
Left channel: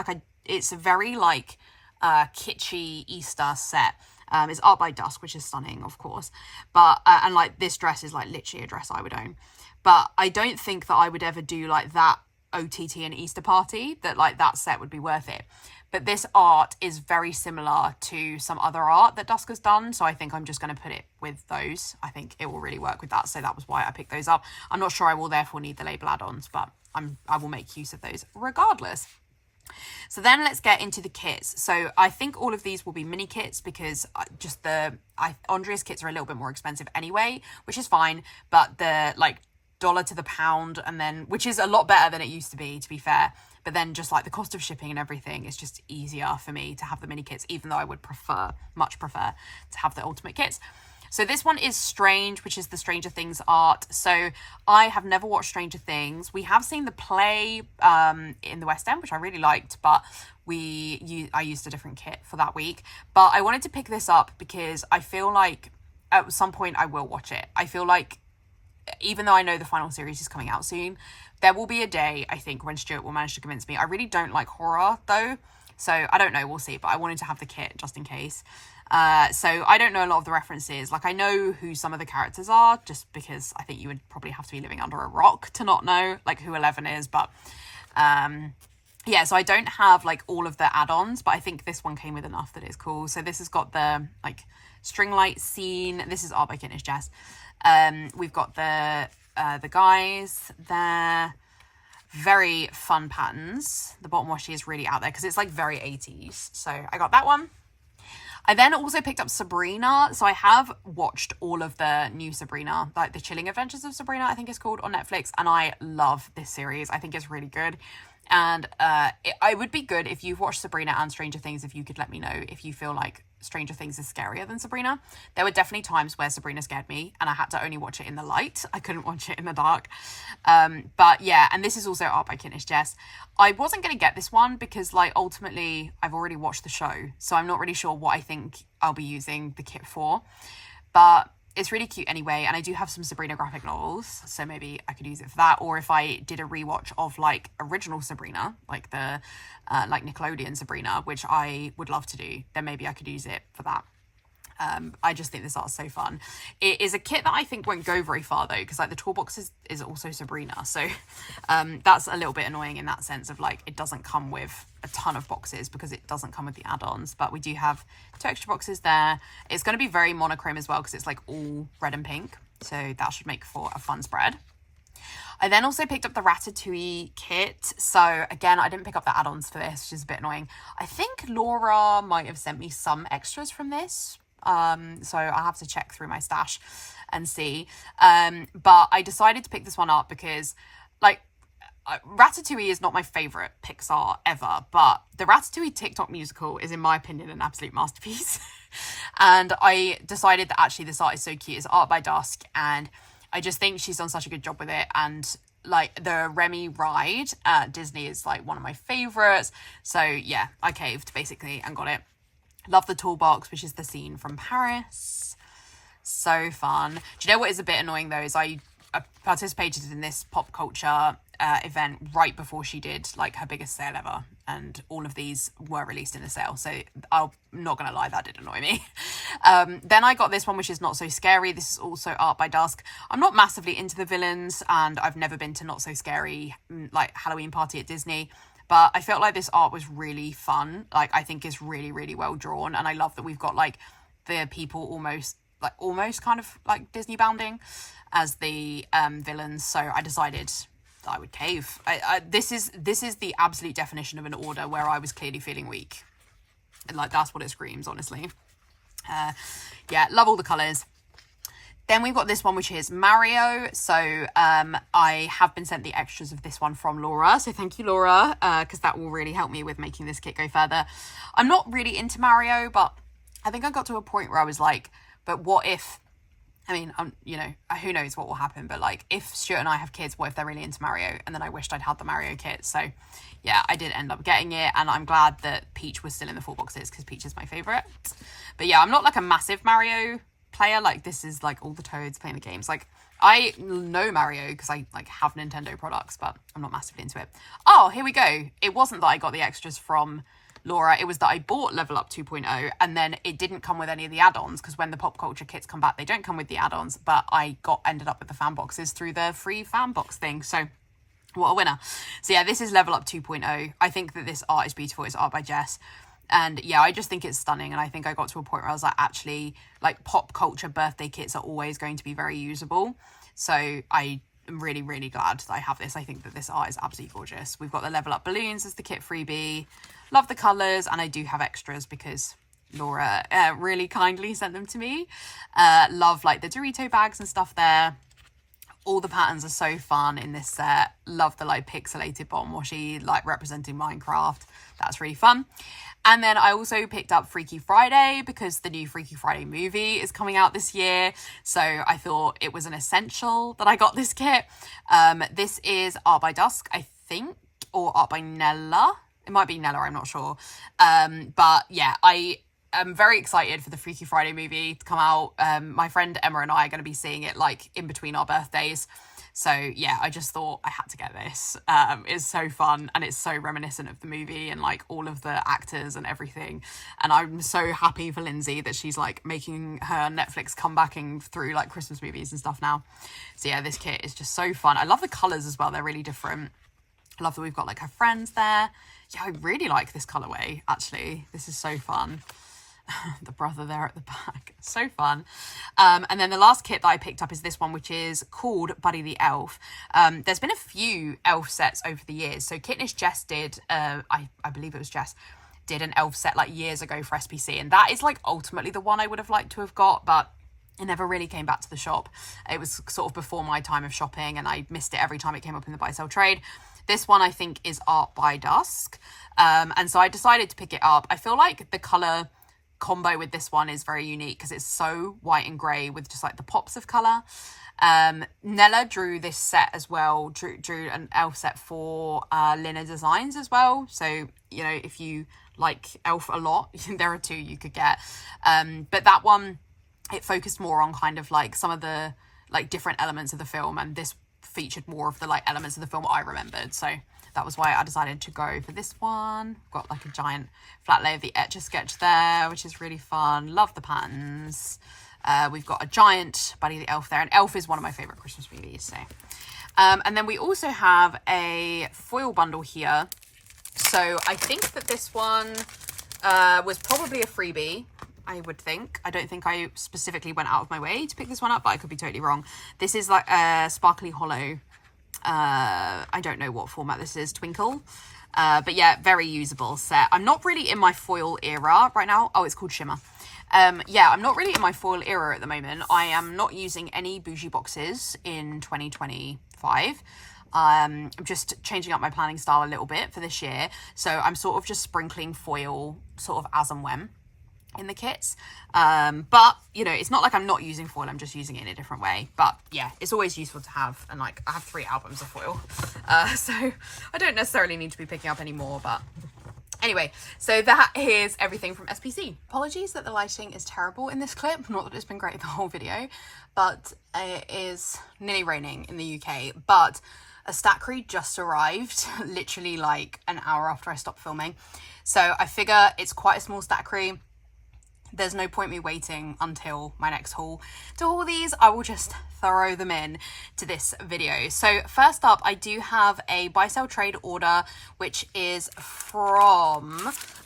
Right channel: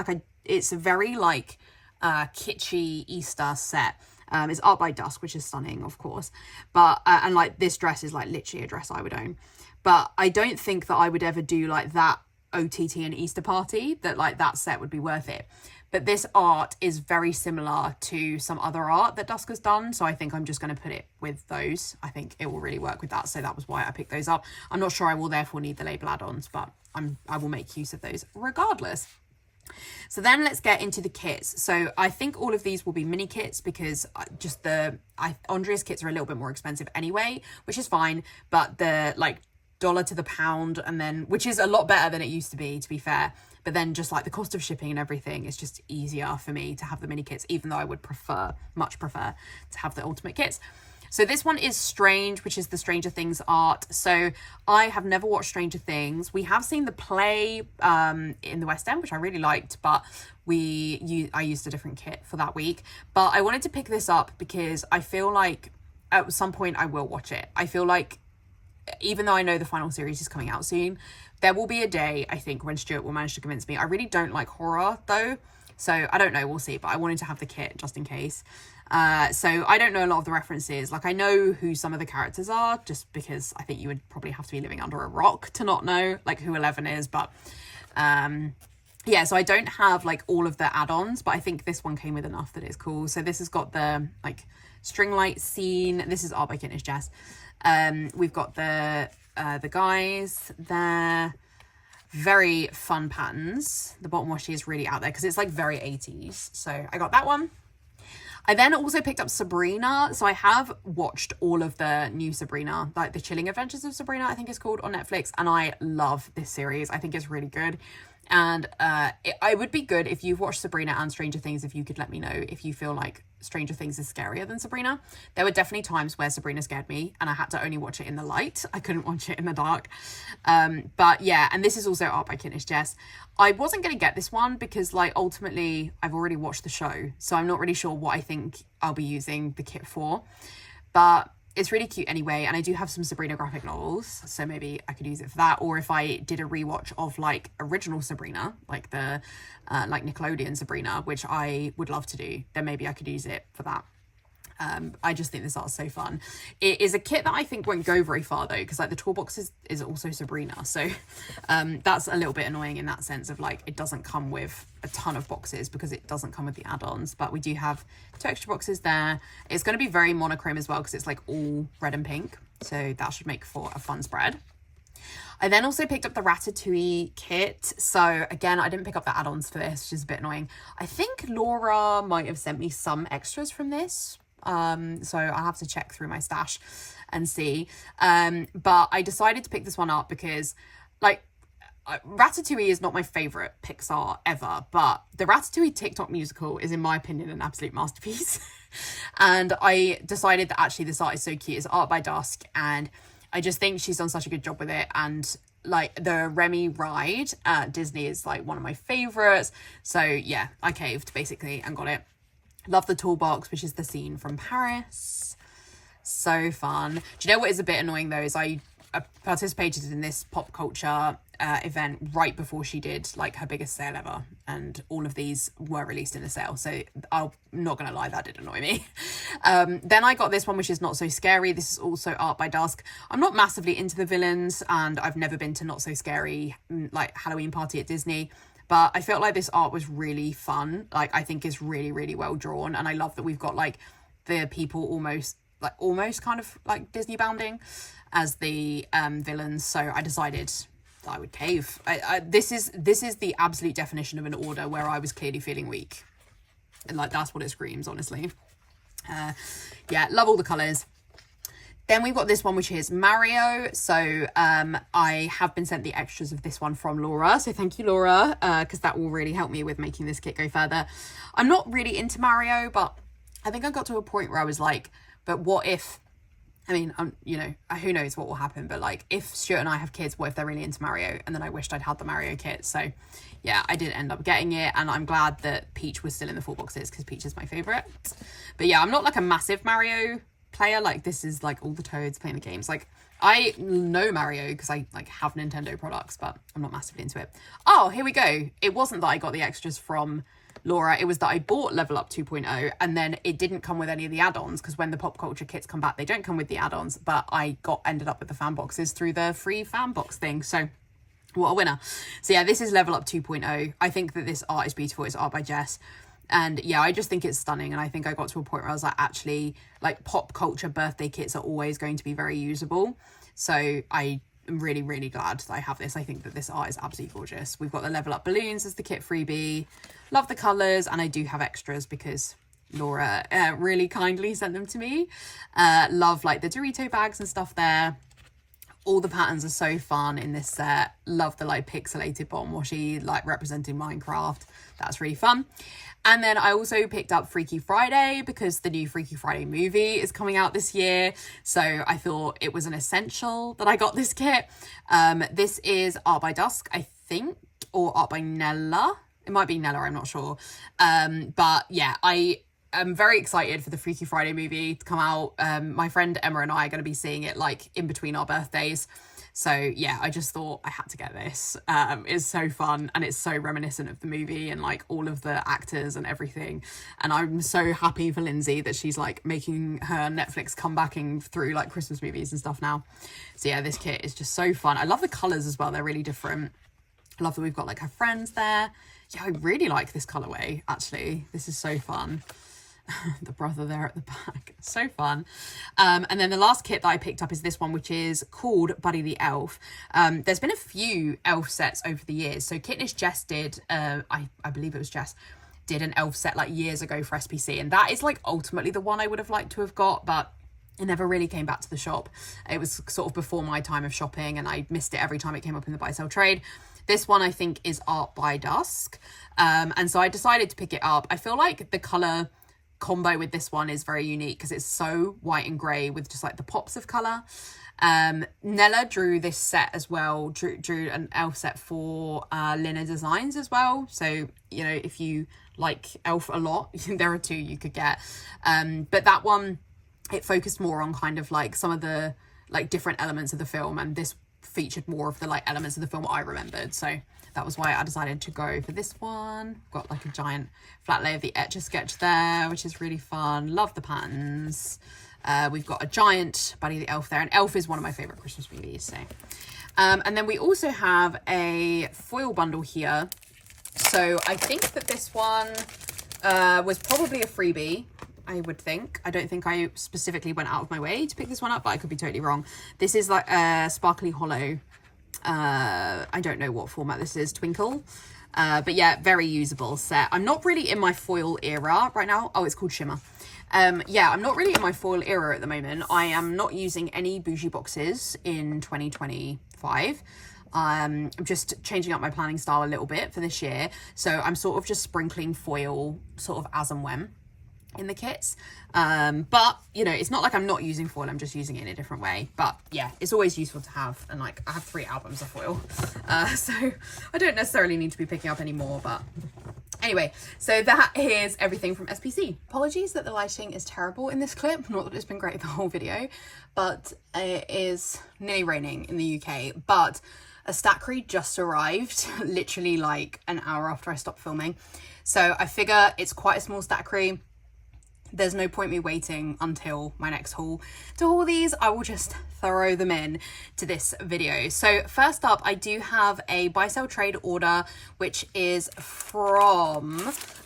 It's a very like kitschy Easter set. It's art by Dusk, which is stunning, of course. But and like this dress is like literally a dress I would own. But I don't think that I would ever do like that OTT and Easter party, that like that set would be worth it. But this art is very similar to some other art that Dusk has done, so I think I'm just going to put it with those. I think it will really work with that, so that was why I picked those up. I'm not sure I will therefore need the label add-ons, but I will make use of those regardless. So then let's get into the kits. So I think all of these will be mini kits, because Andrea's kits are a little bit more expensive anyway, which is fine, but the like dollar to the pound, and then, which is a lot better than it used to be fair. But then just like the cost of shipping and everything, it's just easier for me to have the mini kits, even though I would much prefer to have the ultimate kits. So this one is Strange, which is the Stranger Things art. So I have never watched Stranger Things. We have seen the play in the West End, which I really liked, but I used a different kit for that week. But I wanted to pick this up because I feel like at some point I will watch it. I feel like even though I know the final series is coming out soon, there will be a day, I think, when Stuart will manage to convince me. I really don't like horror though, so I don't know, we'll see, but I wanted to have the kit just in case. So I don't know a lot of the references. Like, I know who some of the characters are, just because I think you would probably have to be living under a rock to not know like who 11 is, but yeah, so I don't have like all of the add-ons, but I think this one came with enough that it's cool. So this has got the like string light scene. This is art by Kintnish Jess. We've got the guys there. Very fun patterns. The bottom washi is really out there because it's like very 80s. So I got that one. I then also picked up Sabrina. So I have watched all of the new Sabrina, like the Chilling Adventures of Sabrina, I think it's called, on Netflix. And I love this series. I think it's really good. And I would be good if you've watched Sabrina and Stranger Things, if you could let me know if you feel like Stranger Things is scarier than Sabrina. There were definitely times where Sabrina scared me and I had to only watch it in the light. I couldn't watch it in the dark. But yeah, and this is also art by Kintnish Jess. I wasn't going to get this one because like ultimately I've already watched the show, so I'm not really sure what I think I'll be using the kit for. But it's really cute anyway, and I do have some Sabrina graphic novels, so maybe I could use it for that. Or if I did a rewatch of like original Sabrina, like the like Nickelodeon Sabrina, which I would love to do, then maybe I could use it for that. I just think this art is so fun. It is a kit that I think won't go very far though, because like the toolbox is also Sabrina, so that's a little bit annoying in that sense of like it doesn't come with a ton of boxes because it doesn't come with the add-ons. But we do have 2 extra boxes there. It's going to be very monochrome as well because it's like all red and pink, so that should make for a fun spread. I then also picked up the Ratatouille kit. So again, I didn't pick up the add-ons for this, which is a bit annoying. I think Laura might have sent me some extras from this. So I'll have to check through my stash and see. But I decided to pick this one up because like Ratatouille is not my favorite Pixar ever, but the Ratatouille TikTok musical is in my opinion an absolute masterpiece. And I decided that actually this art is so cute. It's art by Dusk, and I just think she's done such a good job with it. And like the Remy ride at Disney is like one of my favorites. So yeah, I caved basically and got it. Love the toolbox, which is the scene from Paris. So fun. Do you know what is a bit annoying though, is I participated in this pop culture event right before she did like her biggest sale ever, and all of these were released in a sale, so I'm not gonna lie, that did annoy me. Then I got this one, which is Not So Scary. This is also art by Dusk. I'm not massively into the villains, and I've never been to Not So Scary like Halloween party at Disney, but I felt like this art was really fun. Like I think it's really, really well drawn, and I love that we've got like the people almost kind of like Disney bounding as the villains. So I decided that I would cave. This is the absolute definition of an order where I was clearly feeling weak, and like that's what it screams, honestly. Yeah, love all the colours. Then we've got this one, which is Mario. So I have been sent the extras of this one from Laura. So thank you, Laura, because that will really help me with making this kit go further. I'm not really into Mario, but I think I got to a point where I was like, but what if, I mean, you know, who knows what will happen, but like if Stuart and I have kids, what if they're really into Mario? And then I wished I'd had the Mario kit. So yeah, I did end up getting it, and I'm glad that Peach was still in the 4 boxes because Peach is my favourite. But yeah, I'm not like a massive Mario player. Like this is like all the Toads playing the games. Like I know Mario because I like have Nintendo products, but I'm not massively into it. Oh, here we go. It wasn't that I got the extras from Laura, it was that I bought Level Up 2.0 and then it didn't come with any of the add-ons, because when the pop culture kits come back they don't come with the add-ons, but I ended up with the fan boxes through the free fan box thing. So what a winner. So yeah, this is Level Up 2.0. I think that this art is beautiful. It's art by Jess. And yeah, I just think it's stunning. And I think I got to a point where I was like, actually, like pop culture birthday kits are always going to be very usable. So I am really, really glad that I have this. I think that this art is absolutely gorgeous. We've got the Level Up balloons as the kit freebie. Love the colours. And I do have extras because Laura really kindly sent them to me. Love like the Dorito bags and stuff there. All the patterns are so fun in this set. Love the like pixelated bottom washi, like representing Minecraft. That's really fun. And then I also picked up Freaky Friday because the new Freaky Friday movie is coming out this year. So I thought it was an essential that I got this kit. This is Art by Dusk, I think, or Art by Nella. It might be Nella, I'm not sure. But yeah, I'm very excited for the Freaky Friday movie to come out. My friend Emma and I are going to be seeing it like in between our birthdays. So yeah, I just thought I had to get this. It's so fun and it's so reminiscent of the movie and like all of the actors and everything. And I'm so happy for Lindsay that she's like making her Netflix comebacking through like Christmas movies and stuff now. So yeah, this kit is just so fun. I love the colours as well. They're really different. I love that we've got like her friends there. Yeah, I really like this colourway, actually. This is so fun. The brother there at the back, so fun. And then the last kit that I picked up is this one, which is called Buddy the Elf. There's been a few elf sets over the years. So Kitnish Jess did, I believe it was Jess, did an elf set like years ago for SPC, and that is like ultimately the one I would have liked to have got, but it never really came back to the shop. It was sort of before my time of shopping and I missed it every time it came up in the buy sell trade. This one I think is Art by Dusk, and so I decided to pick it up. I feel like the colour combo with this one is very unique because it's so white and grey with just like the pops of colour. Nella drew this set as well, drew an elf set for Lina Designs as well. So, you know, if you like elf a lot, there are two you could get. But that one, it focused more on kind of like some of the like different elements of the film, and this featured more of the like elements of the film I remembered. So that was why I decided to go for this one. Got like a giant flat lay of the Etch-a-Sketch there, which is really fun. Love the patterns. We've got a giant Buddy the Elf there, and Elf is one of my favourite Christmas movies. So, and then we also have a foil bundle here. So I think that this one was probably a freebie, I would think. I don't think I specifically went out of my way to pick this one up, but I could be totally wrong. This is like a sparkly hollow. I don't know what format this is, Twinkle. But yeah, very usable set. I'm not really in my foil era right now. Oh, it's called Shimmer. Yeah, I'm not really in my foil era at the moment. I am not using any bougie boxes in 2025. I'm just changing up my planning style a little bit for this year. So I'm sort of just sprinkling foil sort of as and when in the kits. But, you know, it's not like I'm not using foil. I'm just using it in a different way. But yeah, it's always useful to have. And like, I have 3 albums of foil. So I don't necessarily need to be picking up any more, but anyway, so that is everything from SPC. Apologies that the lighting is terrible in this clip. Not that it's been great the whole video, but it is nearly raining in the UK. But a Stackry just arrived literally like an hour after I stopped filming. So I figure it's quite a small Stackry. There's no point me waiting until my next haul to haul these. I will just throw them in to this video. So first up, I do have a buy sell trade order, which is from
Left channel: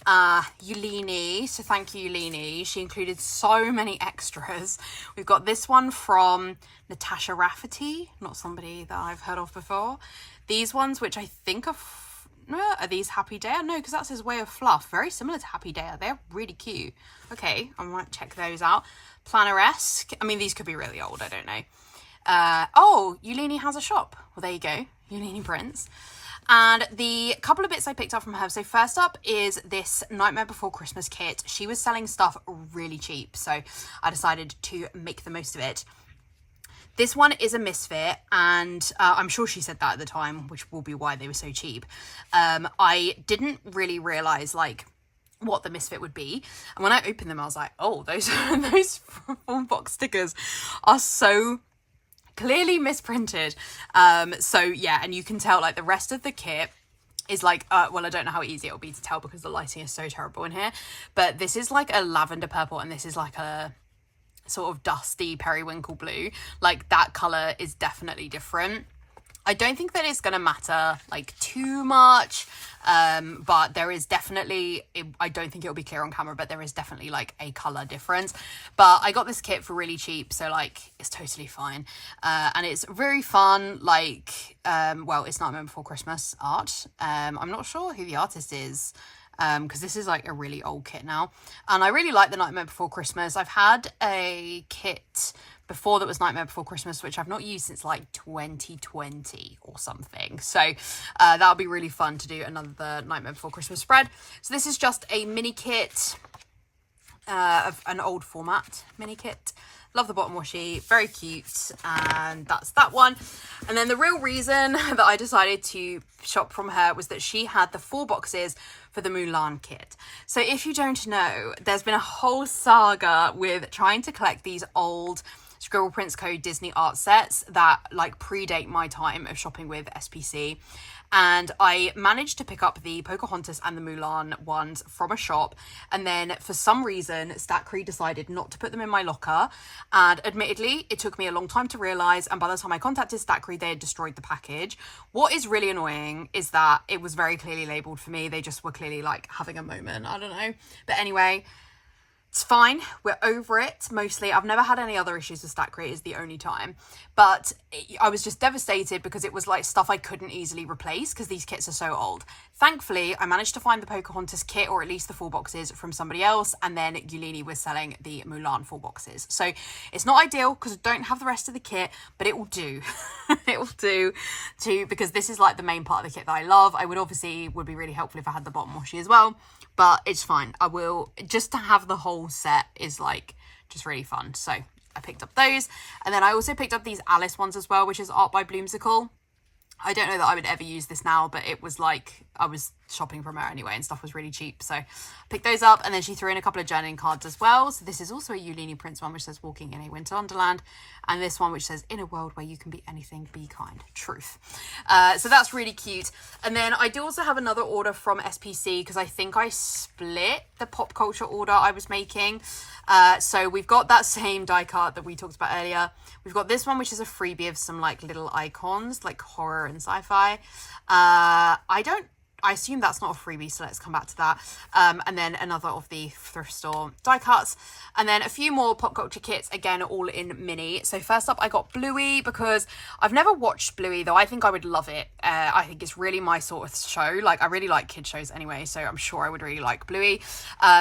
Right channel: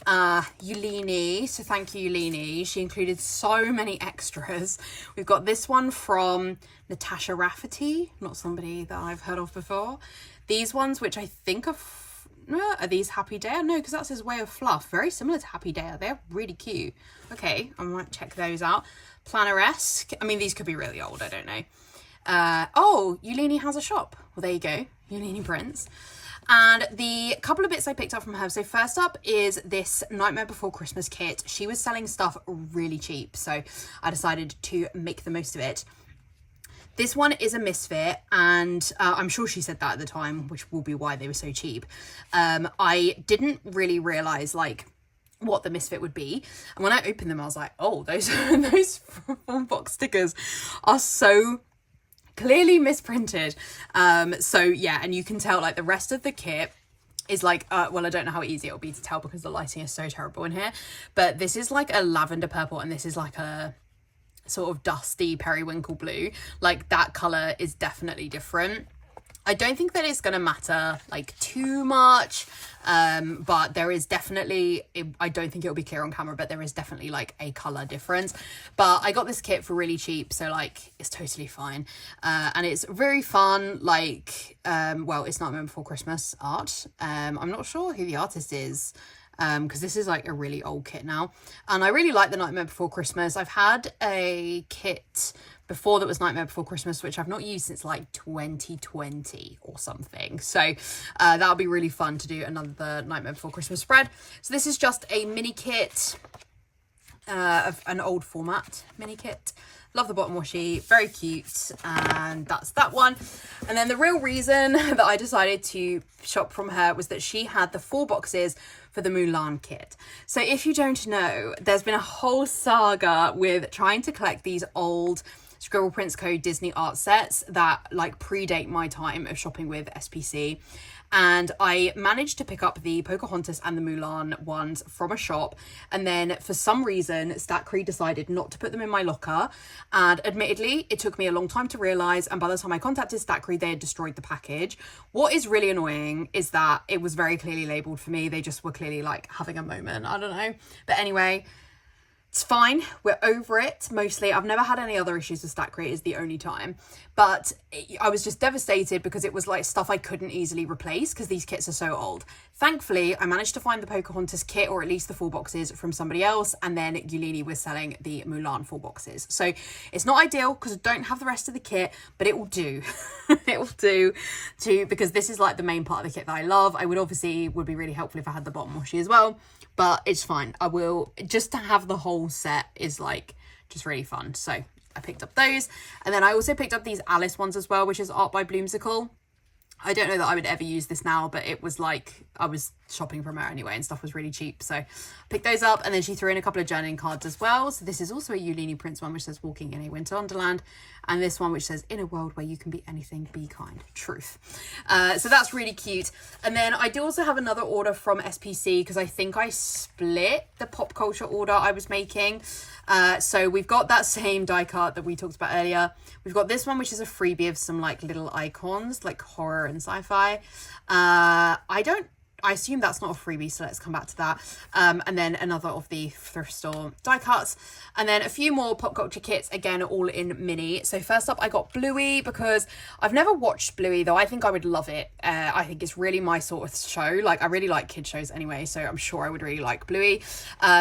Yulini. So thank you, Yulini. She included so many extras. We've got this one from Natasha Rafferty, not somebody that I've heard of before. These ones, which I think are these Happy Day? No, because that's his Way of Fluff. Very similar to Happy Day. They're really cute. Okay, I might check those out. Planner-esque. I mean, these could be really old. I don't know. Oh, Yulini has a shop. Well, there you go. Yulini Prints. And the couple of bits I picked up from her. So first up is this Nightmare Before Christmas kit. She was selling stuff really cheap, so I decided to make the most of it. This one is a misfit, and I'm sure she said that at the time, which will be why they were so cheap. I didn't really realise, like, what the misfit would be. And when I opened them, I was like, oh, those full box stickers are so clearly misprinted. So, yeah, and you can tell, like, the rest of the kit is like, well, I don't know how easy it'll be to tell because the lighting is so terrible in here. But this is, like, a lavender purple, and this is, like, a sort of dusty periwinkle blue. Like, that colour is definitely different. I don't think that it's going to matter like too much, but there is definitely, I don't think it'll be clear on camera, but there is definitely like a colour difference. But I got this kit for really cheap, so like it's totally fine. And it's very fun, like, well, it's Nightmare Before Christmas art. I'm not sure who the artist is, because this is like a really old kit now, and I really like the Nightmare Before Christmas. I've had a kit before that was Nightmare Before Christmas, which I've not used since like 2020 or something. So that'll be really fun to do another Nightmare Before Christmas spread. So this is just a mini kit of an old format mini kit. Love the bottom washi, very cute, and that's that one. And then the real reason that I decided to shop from her was that she had the 4 boxes for the Mulan kit. So if you don't know, there's been a whole saga with trying to collect these old Scribble Prints Co Disney art sets that like predate my time of shopping with SPC. And I managed to pick up the Pocahontas and the Mulan ones from a shop. And then for some reason, Stackry decided not to put them in my locker. And admittedly, it took me a long time to realise. And by the time I contacted Stackry, they had destroyed the package. What is really annoying is that it was very clearly labelled for me. They just were clearly like having a moment. I don't know. But anyway, it's fine. We're over it. Mostly, I've never had any other issues with Stackry. Is the only time. But I was just devastated because it was like stuff I couldn't easily replace because these kits are so old. Thankfully, I managed to find the Pocahontas kit, or at least the 4 boxes, from somebody else. And then Yulini was selling the Mulan 4 boxes. So it's not ideal because I don't have the rest of the kit, but it will do. It will do too, because this is like the main part of the kit that I love. I would be really helpful if I had the bottom washi as well. But it's fine. I will, just to have the whole set is like just really fun. So I picked up those. And then I also picked up these Alice ones as well, which is art by Bloomsicle. I don't know that I would ever use this now, but it was like I was shopping from her anyway and stuff was really cheap. So I picked those up, and then she threw in a couple of journaling cards as well. So this is also a Yulini Prints one, which says Walking in a Winter Wonderland. And this one, which says In a World Where You Can Be Anything, Be Kind. Truth. So that's really cute. And then I do also have another order from SPC because I think I split the pop culture order I was making. So we've got that same die cut that we talked about earlier. We've got this one, which is a freebie of some like little icons, like horror and sci-fi. I assume that's not a freebie, so let's come back to that. And then another of the thrift store die cuts. And then a few more pop culture kits, again, all in mini. So first up, I got Bluey because I've never watched Bluey, though I think I would love it. I think it's really my sort of show. Like, I really like kid shows anyway, so I'm sure I would really like Bluey.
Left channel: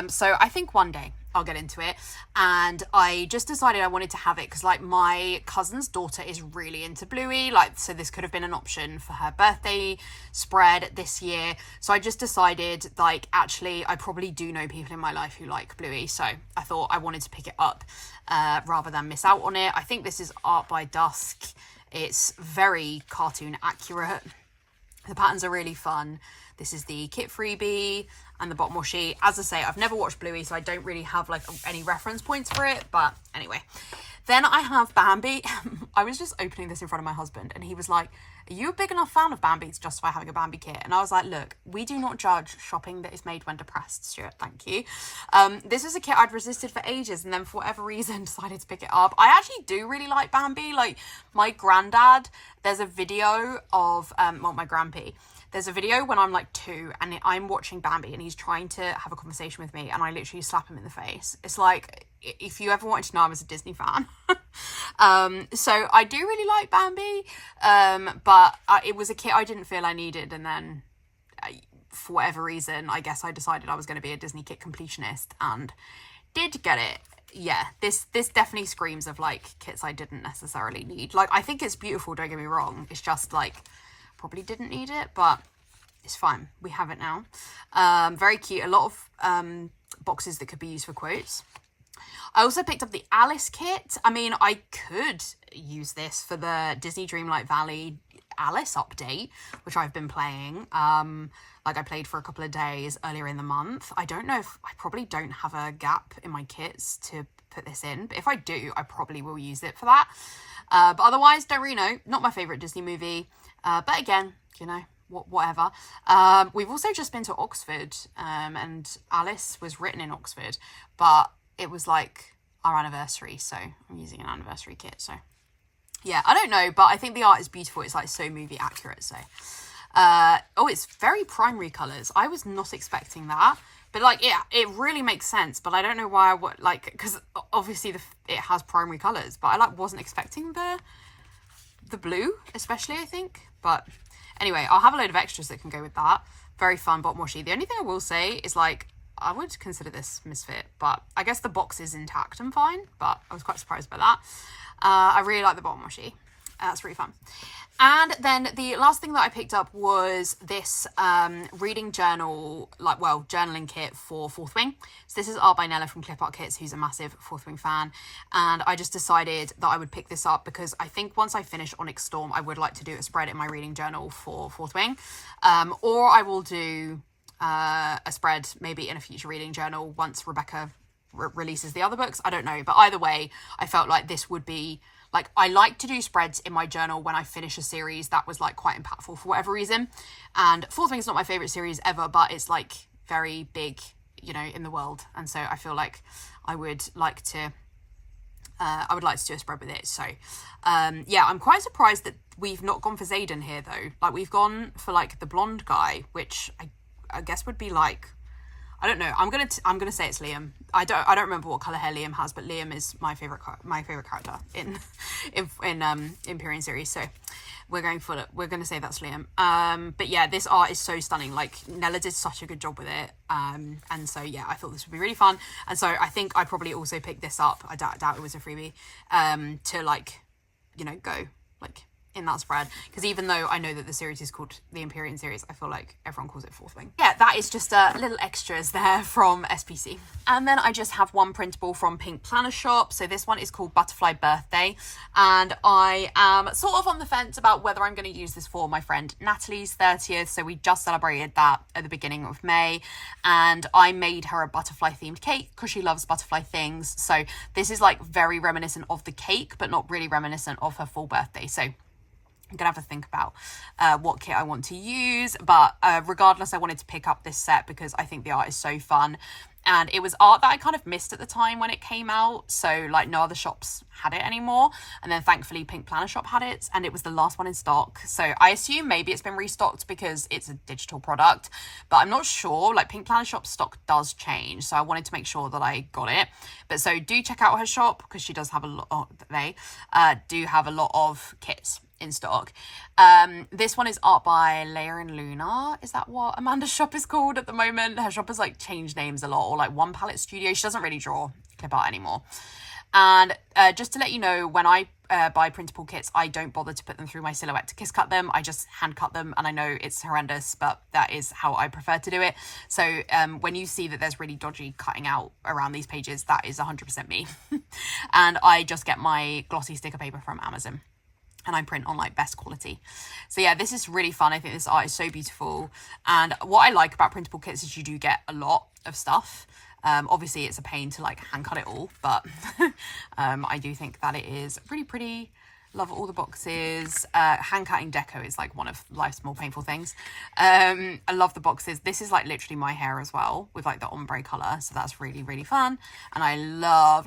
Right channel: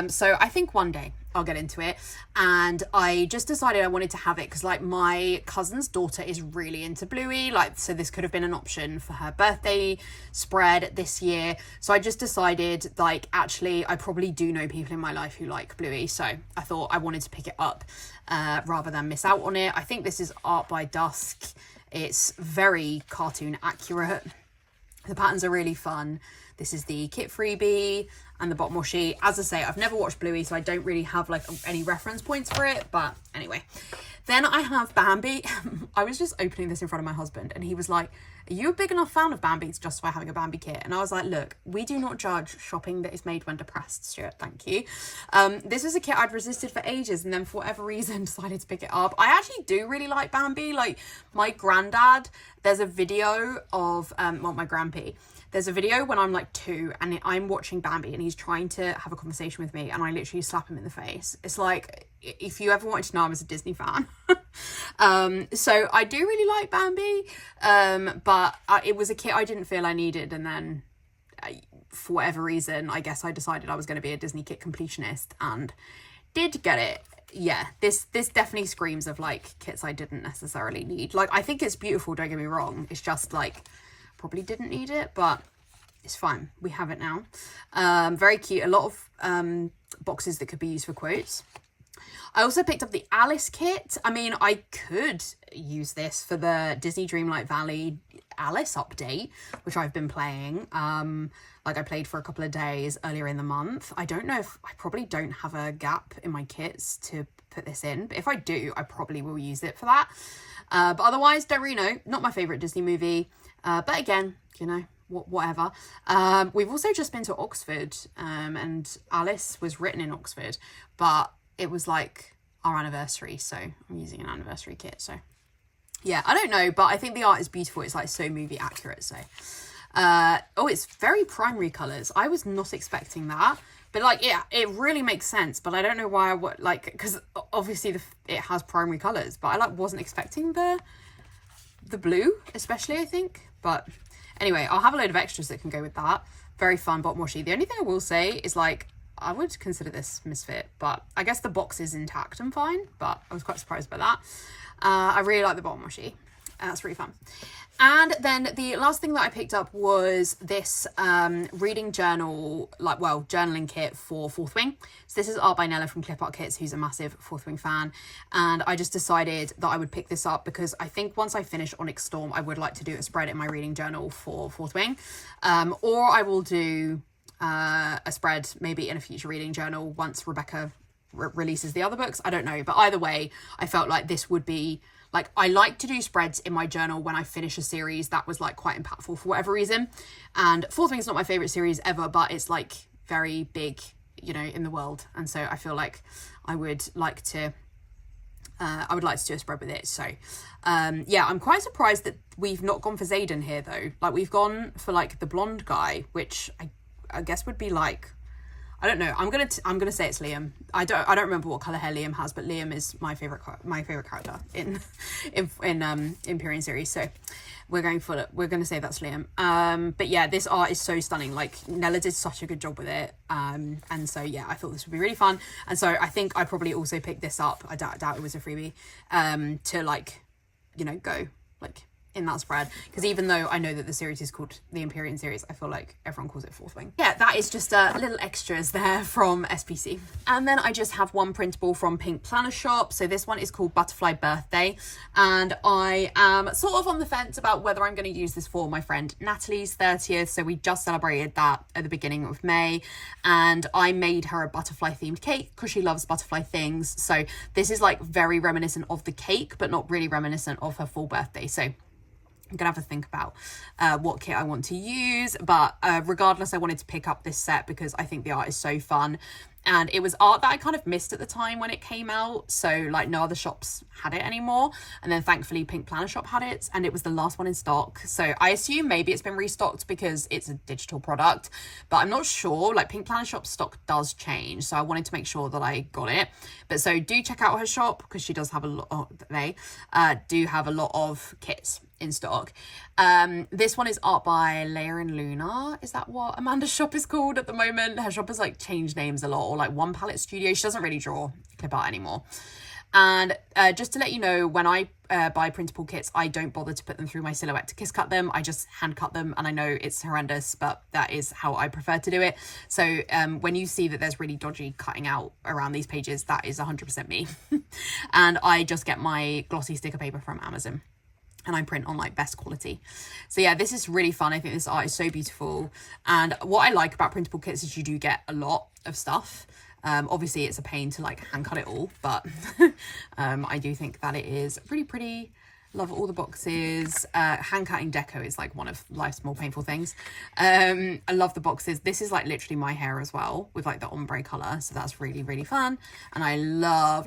So I think one day I'll get into it. And I just decided I wanted to have it because like my cousin's daughter is really into Bluey, like, so this could have been an option for her birthday spread this year. So I just decided, like, actually I probably do know people in my life who like Bluey, so I thought I wanted to pick it up rather than miss out on it. I think this is art by Dusk. It's very cartoon accurate. The patterns are really fun. This is the kit freebie and the bottom washi. As I say, I've never watched Bluey, so I don't really have like any reference points for it. But anyway, then I have Bambi. I was just opening this in front of my husband and he was like, are you a big enough fan of Bambi to justify having a Bambi kit? And I was like, look, we do not judge shopping that is made when depressed, Stuart, thank you. This was a kit I'd resisted for ages and then for whatever reason decided to pick it up. I actually do really like Bambi. Like my granddad, there's a video of, my grandpa, there's a video when I'm like 2 and I'm watching Bambi and he's trying to have a conversation with me and I literally slap him in the face. It's like, if you ever wanted to know, I was a Disney fan. So I do really like Bambi, but it was a kit I didn't feel I needed. And then for whatever reason, I guess I decided I was going to be a Disney kit completionist and did get it. Yeah, this definitely screams of like kits I didn't necessarily need. Like, I think it's beautiful, don't get me wrong. It's just like, probably didn't need it, but it's fine. We have it now. Very cute. A lot of boxes that could be used for quotes. I also picked up the Alice kit. I mean, I could use this for the Disney Dreamlight Valley Alice update, which I've been playing. Like I played for a couple of days earlier in the month. I don't know if I probably don't have a gap in my kits to put this in, but if I do, I probably will use it for that. But otherwise, don't really know. Not my favourite Disney movie. But again, you know, whatever. We've also just been to Oxford, and Alice was written in Oxford, but it was like our anniversary, so I'm using an anniversary kit. So yeah, I don't know, but I think the art is beautiful. It's like so movie accurate. So it's very primary colours. I was not expecting that, but like it really makes sense. But I don't know why I would, like, because obviously it has primary colours, but I like wasn't expecting the blue, especially, I think. But anyway, I'll have a load of extras that can go with that. Very fun bottom washi. The only thing I will say is, like, I would consider this misfit, but I guess the box is intact and fine, but I was quite surprised by that. I really like the bottom washi. That's really fun. And then the last thing that I picked up was this reading journal, journaling kit for Fourth Wing. So this is art by Nella from Clip Art Kits, who's a massive Fourth Wing fan. And I just decided that I would pick this up because I think once I finish Onyx Storm, I would like to do a spread in my reading journal for Fourth Wing. Or I will do a spread maybe in a future reading journal once Rebecca releases the other books. I don't know. But either way, I felt like this would be... Like, I like to do spreads in my journal when I finish a series that was, like, quite impactful for whatever reason. And Fourth Wing is not my favourite series ever, but it's, like, very big, you know, in the world. And so I feel like I would like to do a spread with it. So, yeah, I'm quite surprised that we've not gone for Xaden here, though. Like, we've gone for, like, the blonde guy, which I guess would be, like... I don't know. I'm gonna say it's Liam. I don't remember what color hair Liam has, but Liam is my favorite character in Empyrean series. So we're gonna say that's Liam. But yeah, this art is so stunning. Like, Nella did such a good job with it. And so yeah, I thought this would be really fun. And so I think I probably also picked this up. I doubt it was a freebie. To, like, you know, go like in that spread, because even though I know that the series is called the Empyrean series, I feel like everyone calls it Fourth Wing. Yeah, that is just little extras there from SPC. And then I just have one printable from Pink Plannershop. So this one is called Butterfly Birthday, and I am sort of on the fence about whether I'm going to use this for my friend Natalie's 30th. So we just celebrated that at the beginning of May, and I made her a butterfly themed cake because she loves butterfly things. So this is like very reminiscent of the cake, but not really reminiscent of her full birthday. So I'm gonna have to think about what kit I want to use, but regardless, I wanted to pick up this set because I think the art is so fun, and it was art that I kind of missed at the time when it came out, so like no other shops had it anymore, and then thankfully Pink Plannershop had it, and it was the last one in stock. So I assume maybe it's been restocked because it's a digital product, but I'm not sure. Like, Pink Plannershop stock does change, so I wanted to make sure that I got it. But so do check out her shop because she does have a lot. They do have a lot of kits in stock. This one is art by Leia and Luna. Is that what Amanda's shop is called at the moment? Her shop has like changed names a lot, or like One Palette Studio. She doesn't really draw clip art anymore. And just to let you know, when I buy printable kits, I don't bother to put them through my Silhouette to kiss cut them. I just hand cut them, and I know it's horrendous, but that is how I prefer to do it. So when you see that there's really dodgy cutting out around these pages, that is 100% me. And I just get my glossy sticker paper from Amazon, and I print on like best quality. So yeah, this is really fun. I think this art is so beautiful. And what I like about printable kits is you do get a lot of stuff. Obviously it's a pain to like hand cut it all, but I do think that it is really pretty. Love all the boxes. Hand cutting deco is like one of life's more painful things. I love the boxes. This is like literally my hair as well, with like the ombre color, so that's really, really fun. And I love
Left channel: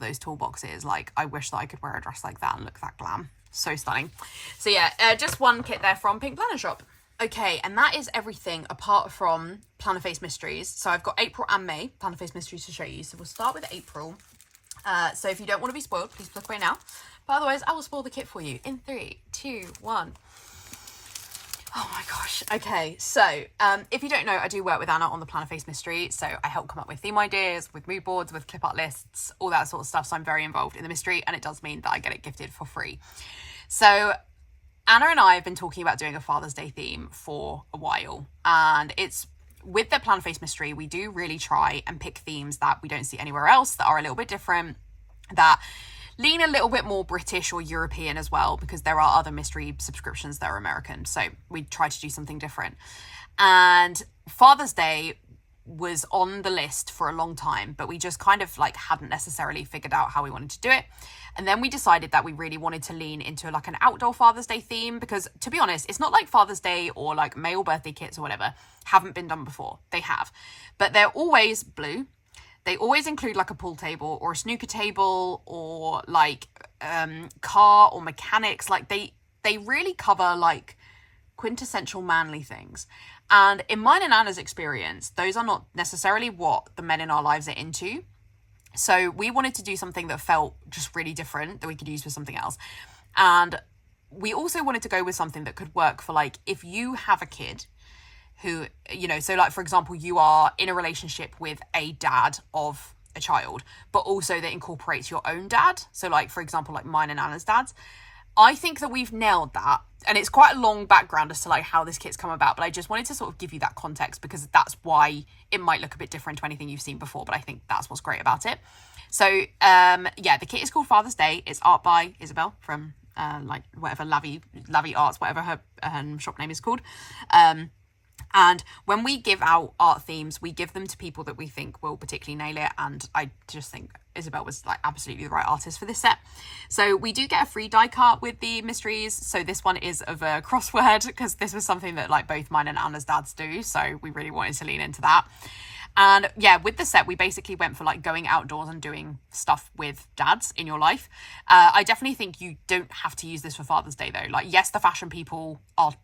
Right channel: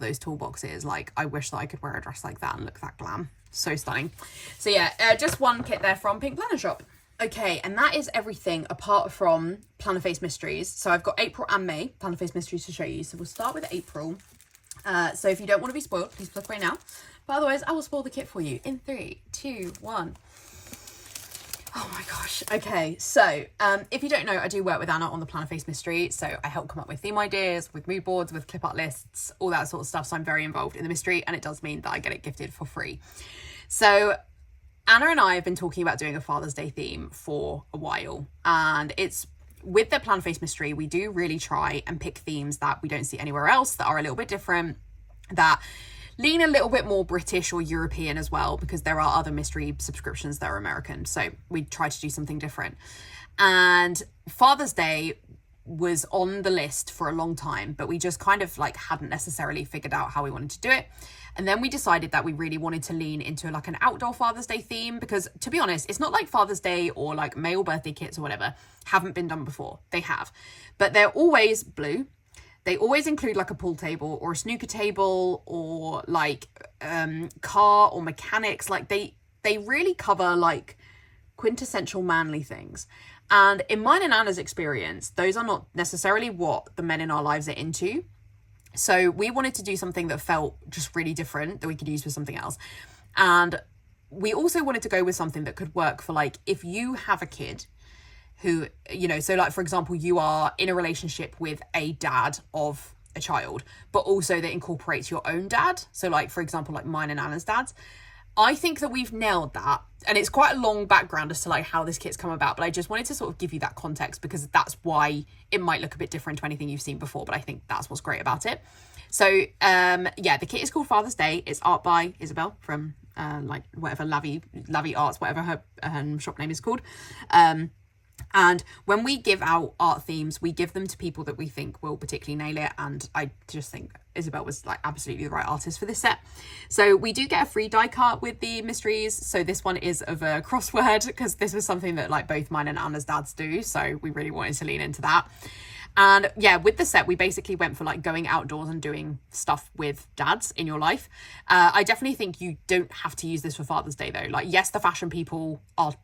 those toolboxes. Like, I wish that I could wear a dress like that and look that glam. So stunning. So yeah, just one kit there from Pink Plannershop. Okay, and that is everything apart from Plannerface Mysteries. So I've got April and May Plannerface Mysteries to show you. So we'll start with April. So if you don't want to be spoiled, please click away now. But otherwise, I will spoil the kit for you in 3, 2, 1. Oh my gosh. Okay, so if you don't know, I do work with Anna on the Plannerface Mystery. So I help come up with theme ideas, with mood boards, with clip art lists, all that sort of stuff. So I'm very involved in the mystery, and it does mean that I get it gifted for free. So Anna and I have been talking about doing a Father's Day theme for a while, and it's with the Plannerface Mystery, we do really try and pick themes that we don't see anywhere else, that are a little bit different, that lean a little bit more British or European as well, because there are other mystery subscriptions that are American. So we try to do something different. And Father's Day was on the list for a long time, but we just kind of like hadn't necessarily figured out how we wanted to do it. And then we decided that we really wanted to lean into like an outdoor Father's Day theme, because to be honest, it's not like Father's Day or like male birthday kits or whatever haven't been done before. They have, but they're always blue. They always include like a pool table or a snooker table or like car or mechanics. Like they really cover like quintessential manly things. And in mine and Anna's experience, those are not necessarily what the men in our lives are into. So we wanted to do something that felt just really different, that we could use for something else. And we also wanted to go with something that could work for like, if you have a kid who, you know, so like, for example, you are in a relationship with a dad of a child, but also that incorporates your own dad. So like, for example, like mine and Anna's dads. I think that we've nailed that. And it's quite a long background as to like how this kit's come about, but I just wanted to sort of give you that context because that's why it might look a bit different to anything you've seen before, but I think that's what's great about it. So yeah, the kit is called Father's Day. It's art by Isabel from like whatever Lavi Arts, whatever her shop name is called. And when we give out art themes, we give them to people that we think will particularly nail it. And I just think Isabel was like absolutely the right artist for this set. So we do get a free die cut with the mysteries. So this one is of a crossword because this was something that like both mine and Anna's dads do. So we really wanted to lean into that. And yeah, with the set, we basically went for like going outdoors and doing stuff with dads in your life. I definitely think you don't have to use this for Father's Day though. Like, yes, the fashion people are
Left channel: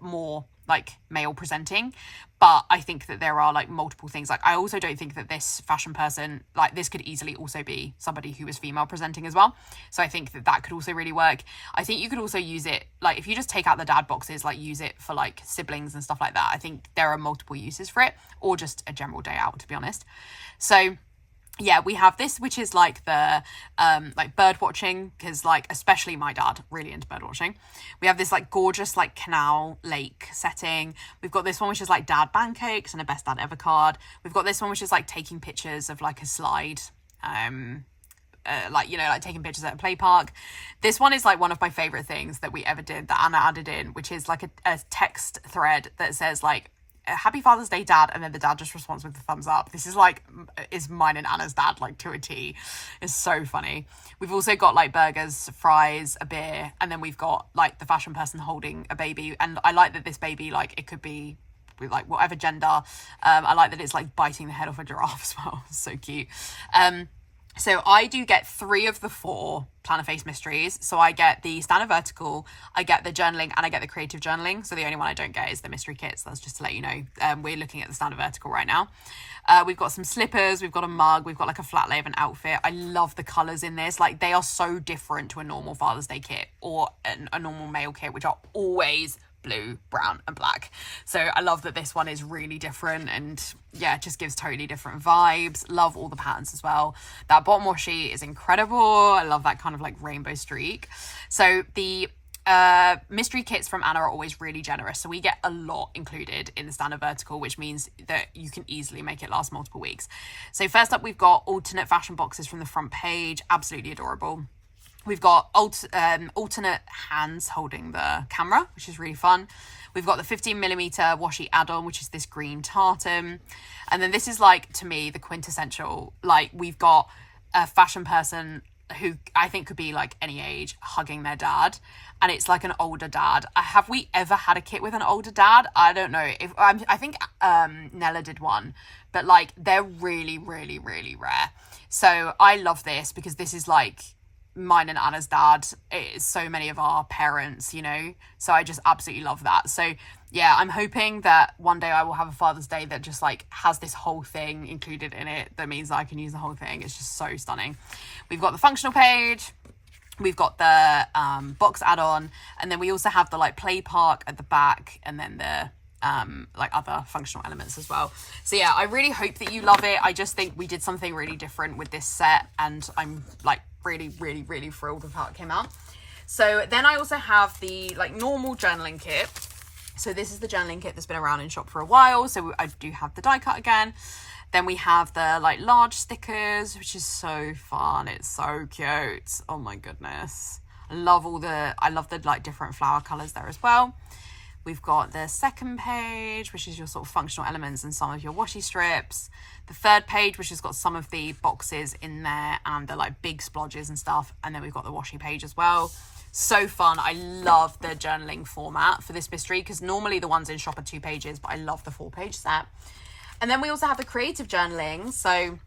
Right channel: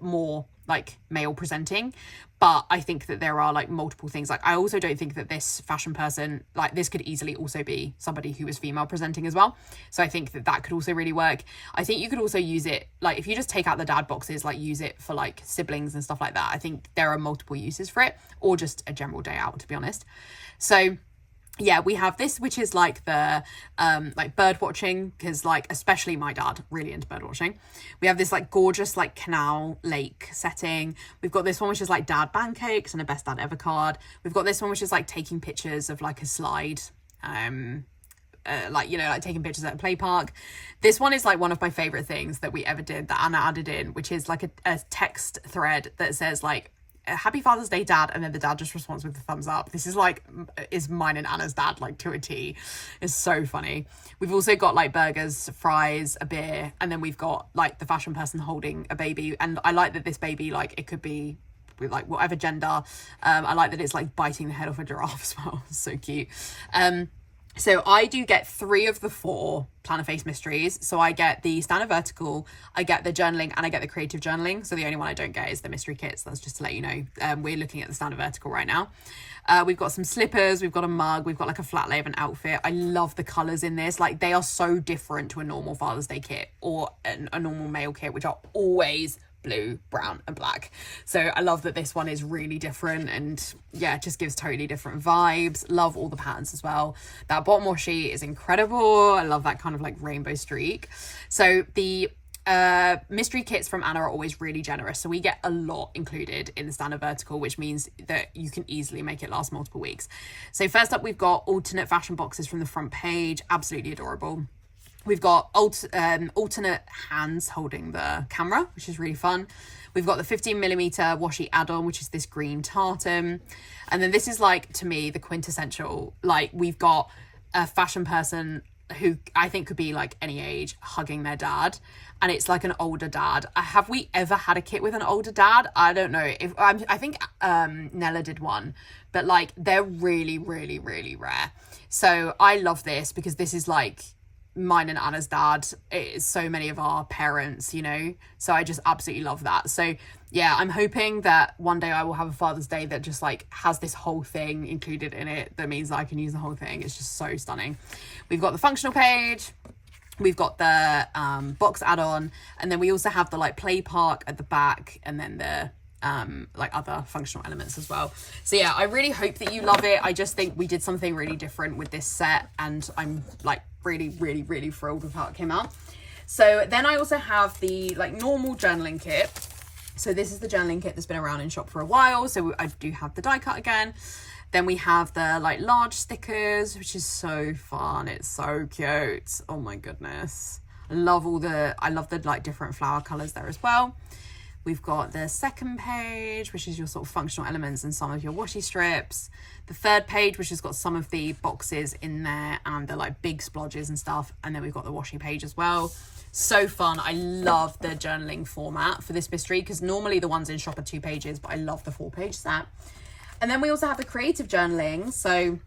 more like male presenting, but I think that there are like multiple things. Like, I also don't think that this fashion person, like this could easily also be somebody who is female presenting as well. So I think that that could also really work. I think you could also use it, like if you just take out the dad boxes, like use it for like siblings and stuff like that. I think there are multiple uses for it, or just a general day out, to be honest. So yeah, we have this, which is like the like bird watching, because like especially my dad really into bird watching. We have this like gorgeous like canal lake setting. We've got this one which is like dad pancakes and a best dad ever card. We've got this one which is like taking pictures of like a slide, like, you know, like taking pictures at a play park. This one is like one of my favorite things that we ever did that Anna added in, which is like a text thread that says like, Happy Father's Day, Dad, and then the dad just responds with the thumbs up. This is like, is mine and Anna's dad, like to a T. It's so funny. We've also got like burgers, fries, a beer, and then we've got like the fashion person holding a baby. And I like that this baby, like it could be with like whatever gender. I like that it's like biting the head off a giraffe as well. So cute. So I do get 3 of the 4 Plannerface Mysteries. So I get the standard vertical, I get the journaling, and I get the creative journaling. So the only one I don't get is the mystery kits. That's just to let you know. We're looking at the standard vertical right now. We've got some slippers, we've got a mug, we've got like a flat lay of an outfit. I love the colours in this. Like they are so different to a normal Father's Day kit or a normal male kit, which are always blue, brown and black. So I love that this one is really different, and yeah, it just gives totally different vibes. Love all the patterns as well. That bottom washi is incredible. I love that kind of like rainbow streak. So the mystery kits from Anna are always really generous, so we get a lot included in the standard vertical, which means that you can easily make it last multiple weeks. So first up, we've got alternate fashion boxes from the front page. Absolutely adorable. We've got alternate hands holding the camera, which is really fun. We've got the 15mm washi add-on, which is this green tartan. And then this is like, to me, the quintessential, like we've got a fashion person who I think could be like any age hugging their dad. And it's like an older dad. Have we ever had a kit with an older dad? I don't know. I think Nella did one, but like they're really, really, really rare. So I love this because this is like mine and Anna's dad. It is so many of our parents, you know, so I just absolutely love that. So yeah, I'm hoping that one day I will have a Father's Day that just like has this whole thing included in it. That means that I can use the whole thing. It's just so stunning. We've got the functional page, we've got the box add-on, and then we also have the like play park at the back, and then the like other functional elements as well. So yeah, I really hope that you love it. I just think we did something really different with this set, and I'm like really, really, really thrilled with how it came out. So then I also have the like normal journaling kit. So this is the journaling kit that's been around in shop for a while. So I do have the die cut again. Then we have the like large stickers, which is so fun. It's so cute. Oh my goodness. I love the like different flower colors there as well. We've got the second page, which is your sort of functional elements and some of your washi strips. The third page, which has got some of the boxes in there and the like big splodges and stuff. And then we've got the washi page as well. So fun. I love the journaling format for this mystery because normally the ones in shop are 2 pages, but I love the 4-page set. And then we also have the creative journaling. So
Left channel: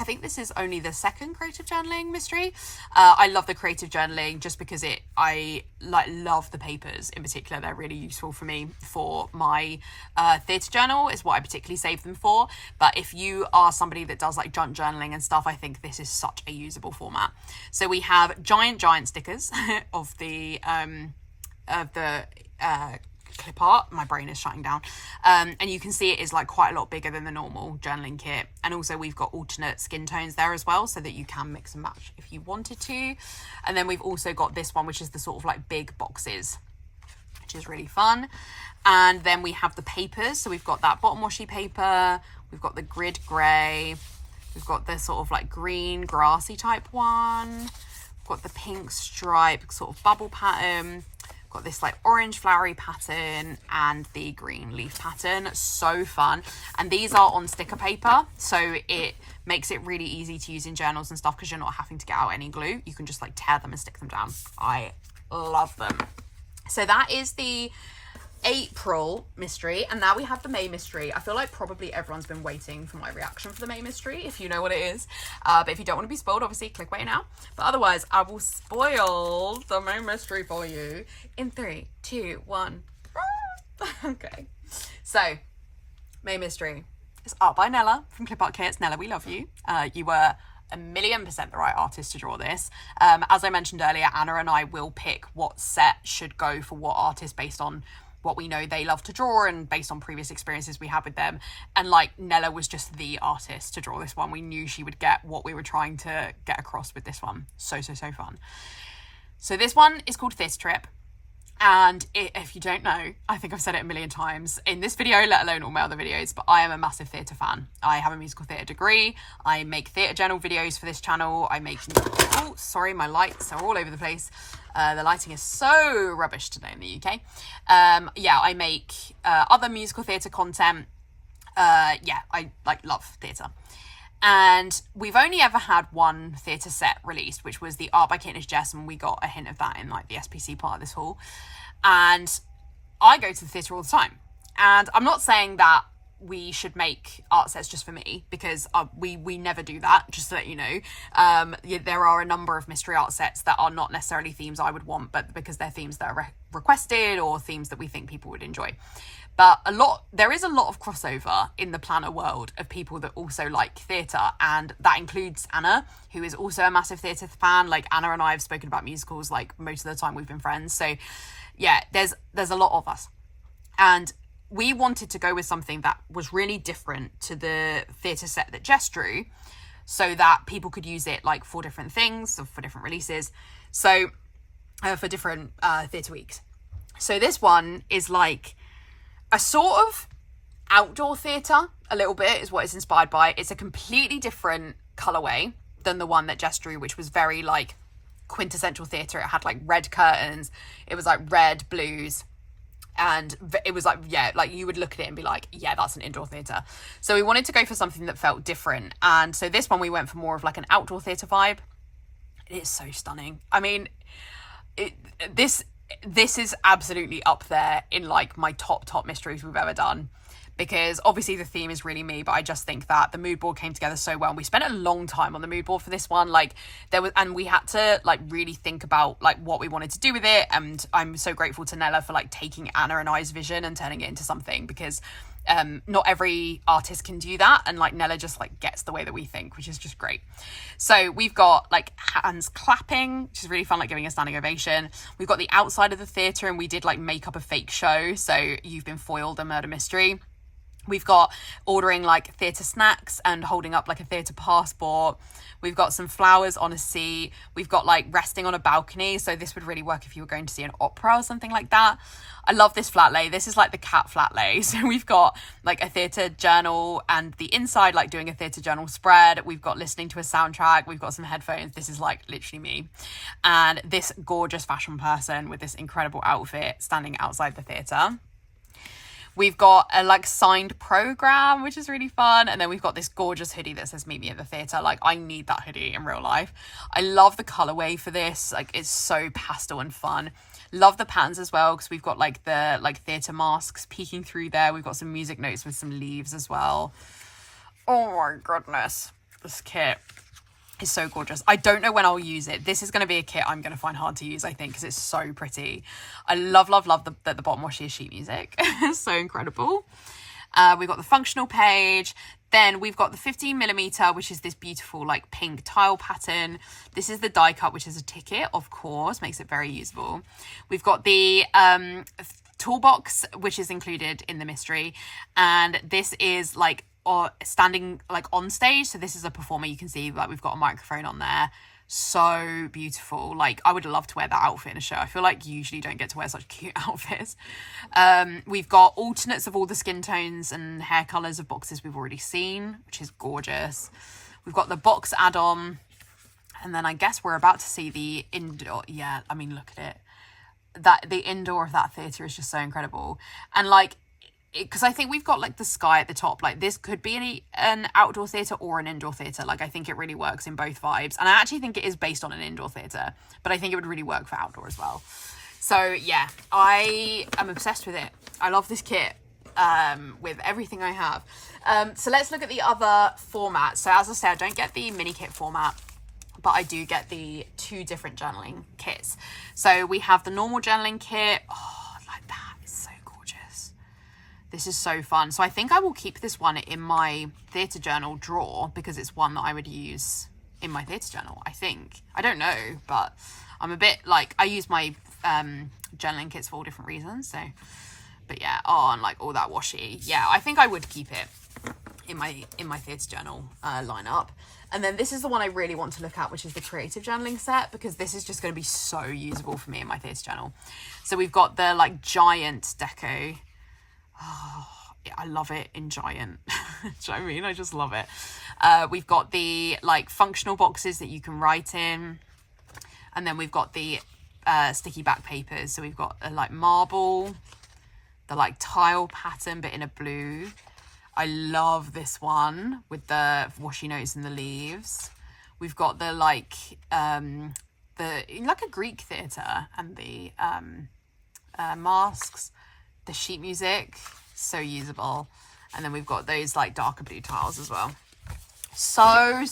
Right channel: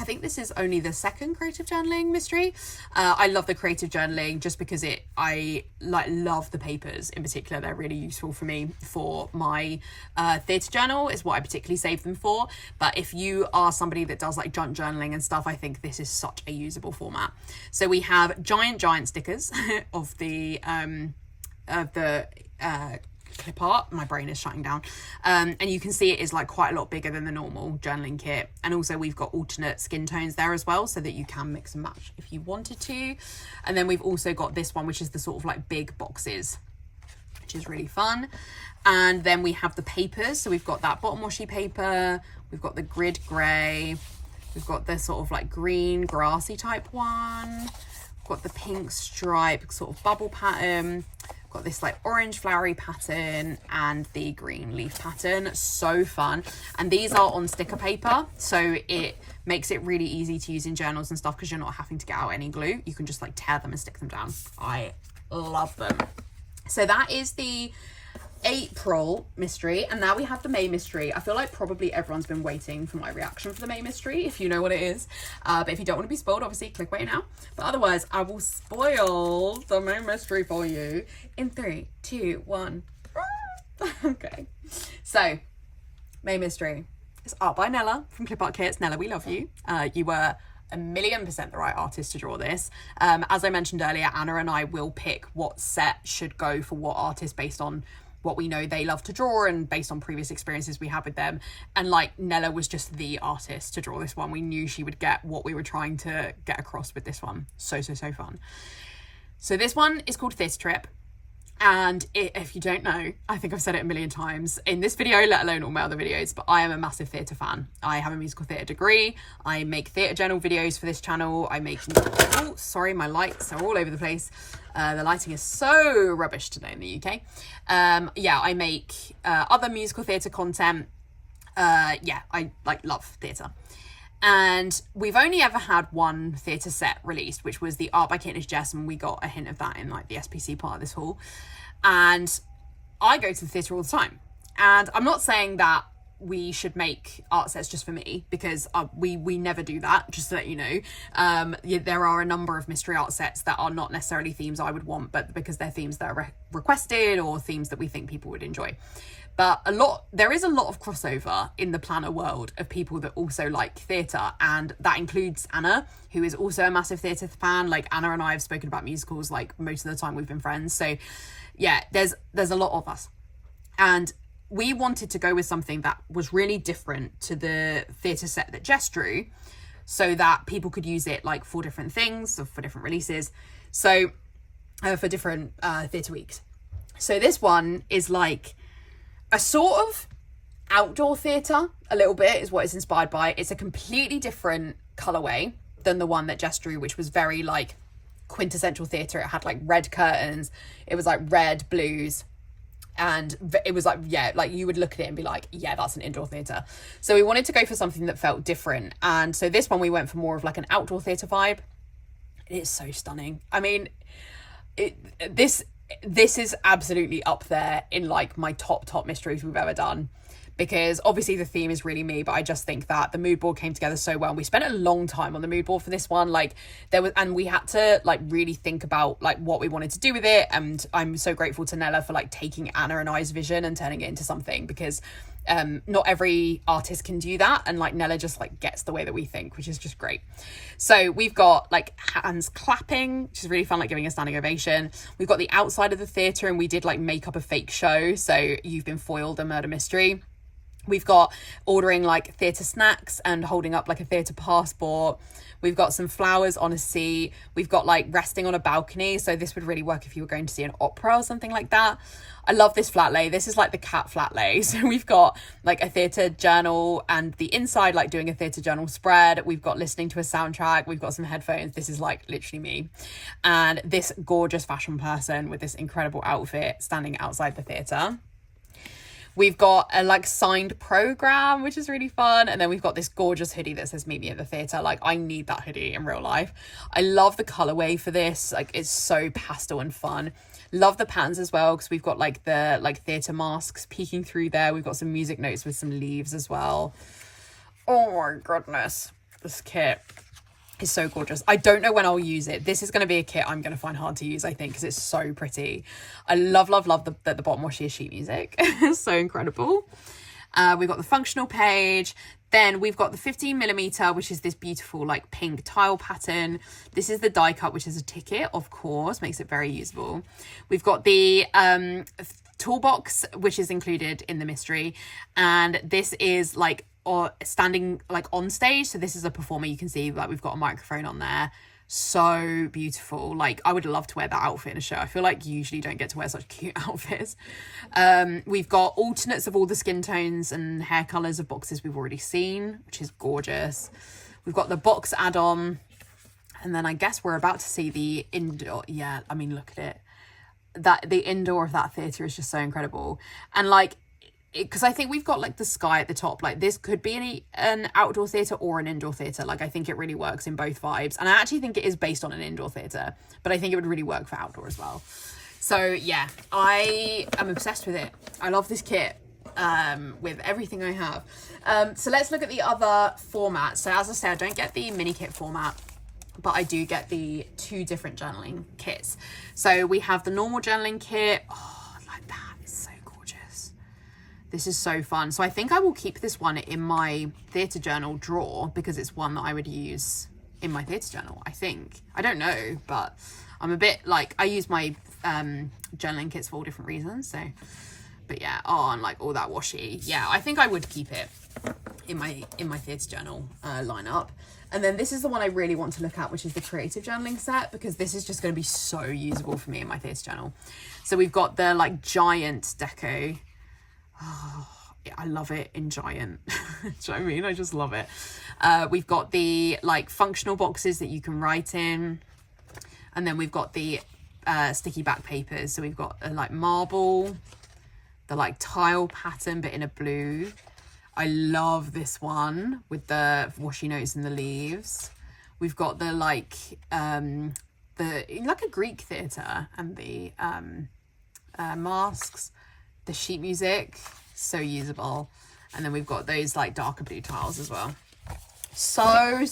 I think this is only the second creative journaling mystery. I love the creative journaling just because I like love the papers in particular. They're really useful for me for my theatre journal is what I particularly save them for. But if you are somebody that does like junk journaling and stuff, I think this is such a usable format. So we have giant stickers of the clip art. My brain is shutting down. And you can see it is like quite a lot bigger than the normal journaling kit. And also we've got alternate skin tones there as well, so that you can mix and match if you wanted to. And then we've also got this one, which is the sort of like big boxes, which is really fun. And then we have the papers. So we've got that bottom washi paper, we've got the grid grey, we've got the sort of like green grassy type one, we've got the pink stripe sort of bubble pattern, we've got this like orange flowery pattern, and the green leaf pattern. So fun. And these are on sticker paper, so it makes it really easy to use in journals and stuff, because you're not having to get out any glue. You can just like tear them and stick them down. I love them. So that is the April mystery, and now we have the May mystery. I feel like probably everyone's been waiting for my reaction for the May mystery, if you know what it is. But if you don't want to be spoiled, obviously click away now. But otherwise, I will spoil the May mystery for you in 3, 2, 1. Okay, so May mystery. It's art by Nella from Clip Art Kits. Nella, we love you. You were 1,000,000% the right artist to draw this. As I mentioned earlier, Anna and I will pick what set should go for what artist based on what we know they love to draw and based on previous experiences we had with them. And like, Nella was just the artist to draw this one. We knew she would get what we were trying to get across with this one. So fun. So this one is called Theatre Trip. And if you don't know, I think I've said it 1,000,000 times in this video, let alone all my other videos, but I am a massive theatre fan. I have a musical theatre degree. I make theatre journal videos for this channel. I make, oh, sorry, my lights are all over the place. The lighting is so rubbish today in the UK. Yeah, I make other musical theatre content. Yeah, I like love theatre. And we've only ever had one theatre set released, which was the Art by Katniss Jess, and we got a hint of that in like the SPC part of this haul. And I go to the theatre all the time. And I'm not saying that we should make art sets just for me, because we never do that, just so that you know. Yeah, there are a number of mystery art sets that are not necessarily themes I would want, but because they're themes that are requested or themes that we think people would enjoy. But there is a lot of crossover in the planner world of people that also like theatre, and that includes Anna, who is also a massive theatre fan. Like, Anna and I have spoken about musicals like most of the time we've been friends. So yeah, there's a lot of us. And we wanted to go with something that was really different to the theatre set that Jess drew, so that people could use it like for different things or for different releases. So for different theatre weeks. So this one is like a sort of outdoor theatre, a little bit, is what it's inspired by. It's a completely different colourway than the one that Jess drew, which was very like quintessential theatre. It had like red curtains. It was like red blues. And it was like, yeah, like you would look at it and be like, yeah, that's an indoor theatre. So we wanted to go for something that felt different. And so this one, we went for more of like an outdoor theatre vibe. It is so stunning. I mean, this is absolutely up there in like my top mysteries we've ever done, because obviously the theme is really me, but I just think that the mood board came together so well. And we spent a long time on the mood board for this one. Like, and we had to like really think about like what we wanted to do with it. And I'm so grateful to Nella for like taking Anna and I's vision and turning it into something, because not every artist can do that, and like Nella just like gets the way that we think, which is just great. So we've got like hands clapping, which is really fun, like giving a standing ovation. We've got the outside of the theatre, and we did like make up a fake show, so you've been foiled, a murder mystery. We've got ordering like theatre snacks and holding up like a theatre passport. We've got some flowers on a seat. We've got like resting on a balcony. So this would really work if you were going to see an opera or something like that. I love this flat lay. This is like the cat flat lay. So we've got like a theatre journal, and the inside like doing a theatre journal spread. We've got listening to a soundtrack. We've got some headphones. This is like literally me. And this gorgeous fashion person with this incredible outfit standing outside the theatre. We've got a like signed program, which is really fun. And then we've got this gorgeous hoodie that says meet me at the theatre. Like, I need that hoodie in real life. I love the colorway for this. Like, it's so pastel and fun. Love the patterns as well, because we've got like the like theatre masks peeking through there. We've got some music notes with some leaves as well. Oh my goodness. This kit is so gorgeous. I don't know when I'll use it. This is going to be a kit I'm going to find hard to use, I think, because it's so pretty. I love the bottom washi is sheet music. It's so incredible. We've got the functional page. Then we've got the 15mm, which is this beautiful like pink tile pattern. This is the die cut, which is a ticket, of course, makes it very usable. We've got the toolbox, which is included in the mystery, and this is like standing like on stage. So this is a performer. You can see like we've got a microphone on there. So beautiful. Like I would love to wear that outfit in a show. I feel like you usually don't get to wear such cute outfits. We've got alternates of all the skin tones and hair colors of boxes we've already seen, which is gorgeous. We've got the box add-on, and then I guess we're about to see the indoor. Yeah, I mean, look at it. That the indoor of that theatre is just so incredible. And like, because I think we've got like the sky at the top, like this could be an outdoor theatre or an indoor theatre. Like I think it really works in both vibes, and I actually think it is based on an indoor theatre, but I think it would really work for outdoor as well. So yeah, I am obsessed with it. I love this kit with everything I have. So let's look at the other formats. So as I said, I don't get the mini kit format, but I do get the 2 different journaling kits. So we have the normal journaling kit. Oh, like that is so gorgeous. This is so fun. So I think I will keep this one in my theatre journal drawer because it's one that I would use in my theatre journal, I think. I don't know, but I'm a bit like, I use my journaling kits for all different reasons. So, but yeah, oh, and like all that washi. Yeah, I think I would keep it in my theatre journal lineup. And then this is the one I really want to look at, which is the creative journaling set, because this is just going to be so usable for me in my theatre journal. So we've got the like giant deco. Oh, yeah, I love it in giant. Do you know what I mean? I just love it. We've got the like functional boxes that you can write in. And then we've got the sticky back papers. So we've got like marble, the like tile pattern, but in a blue. I love this one with the washi notes and the leaves. We've got the like a Greek theatre, and the masks, the sheet music, so usable. And then we've got those like darker blue tiles as well. So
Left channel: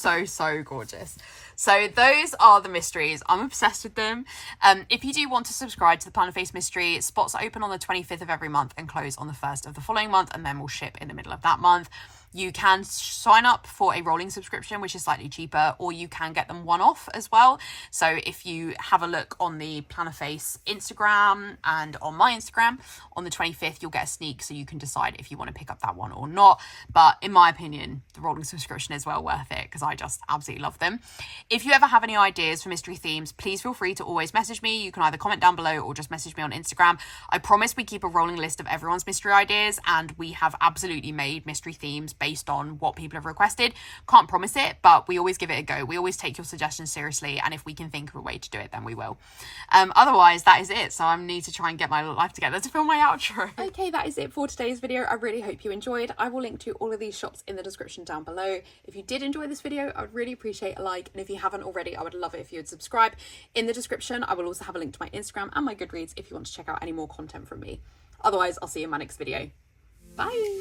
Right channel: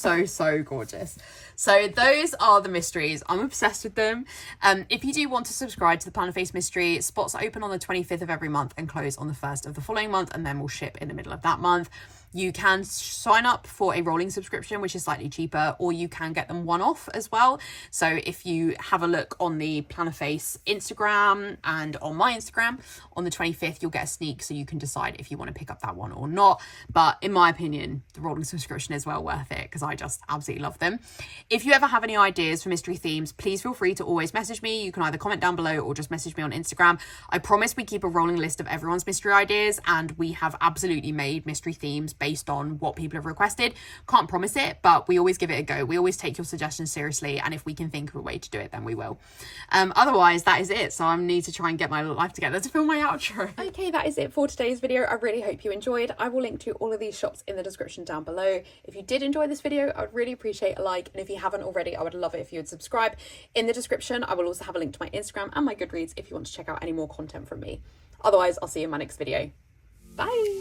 gorgeous. So those are the mysteries. I'm obsessed with them. If you do want to subscribe to the Plannerface Mystery, spots are open on the 25th of every month and close on the 1st of the following month, and then we'll ship in the middle of that month. You can sign up for a rolling subscription, which is slightly cheaper, or you can get them one-off as well. So if you have a look on the Plannerface Instagram and on my Instagram, on the 25th, you'll get a sneak, so you can decide if you want to pick up that one or not. But in my opinion, the rolling subscription is well worth it because I just absolutely love them. If you ever have any ideas for mystery themes, please feel free to always message me. You can either comment down below or just message me on Instagram. I promise we keep a rolling list of everyone's mystery ideas, and we have absolutely made mystery themes based on what people have requested. Can't promise it, but we always give it a go. We always take your suggestions seriously, and if we can think of a way to do it, then we will. Otherwise, that is it. So I need to try and get my life together to film my outro. Okay, that is it for today's video. I really hope you enjoyed. I will link to all of these shops in the description down below. If you did enjoy this video, I would really appreciate a like, and if you haven't already, I would love it if you would subscribe. In the description, I will also have a link to my Instagram and my Goodreads if you want to check out any more content from me. Otherwise, I'll see you in my next video. Bye!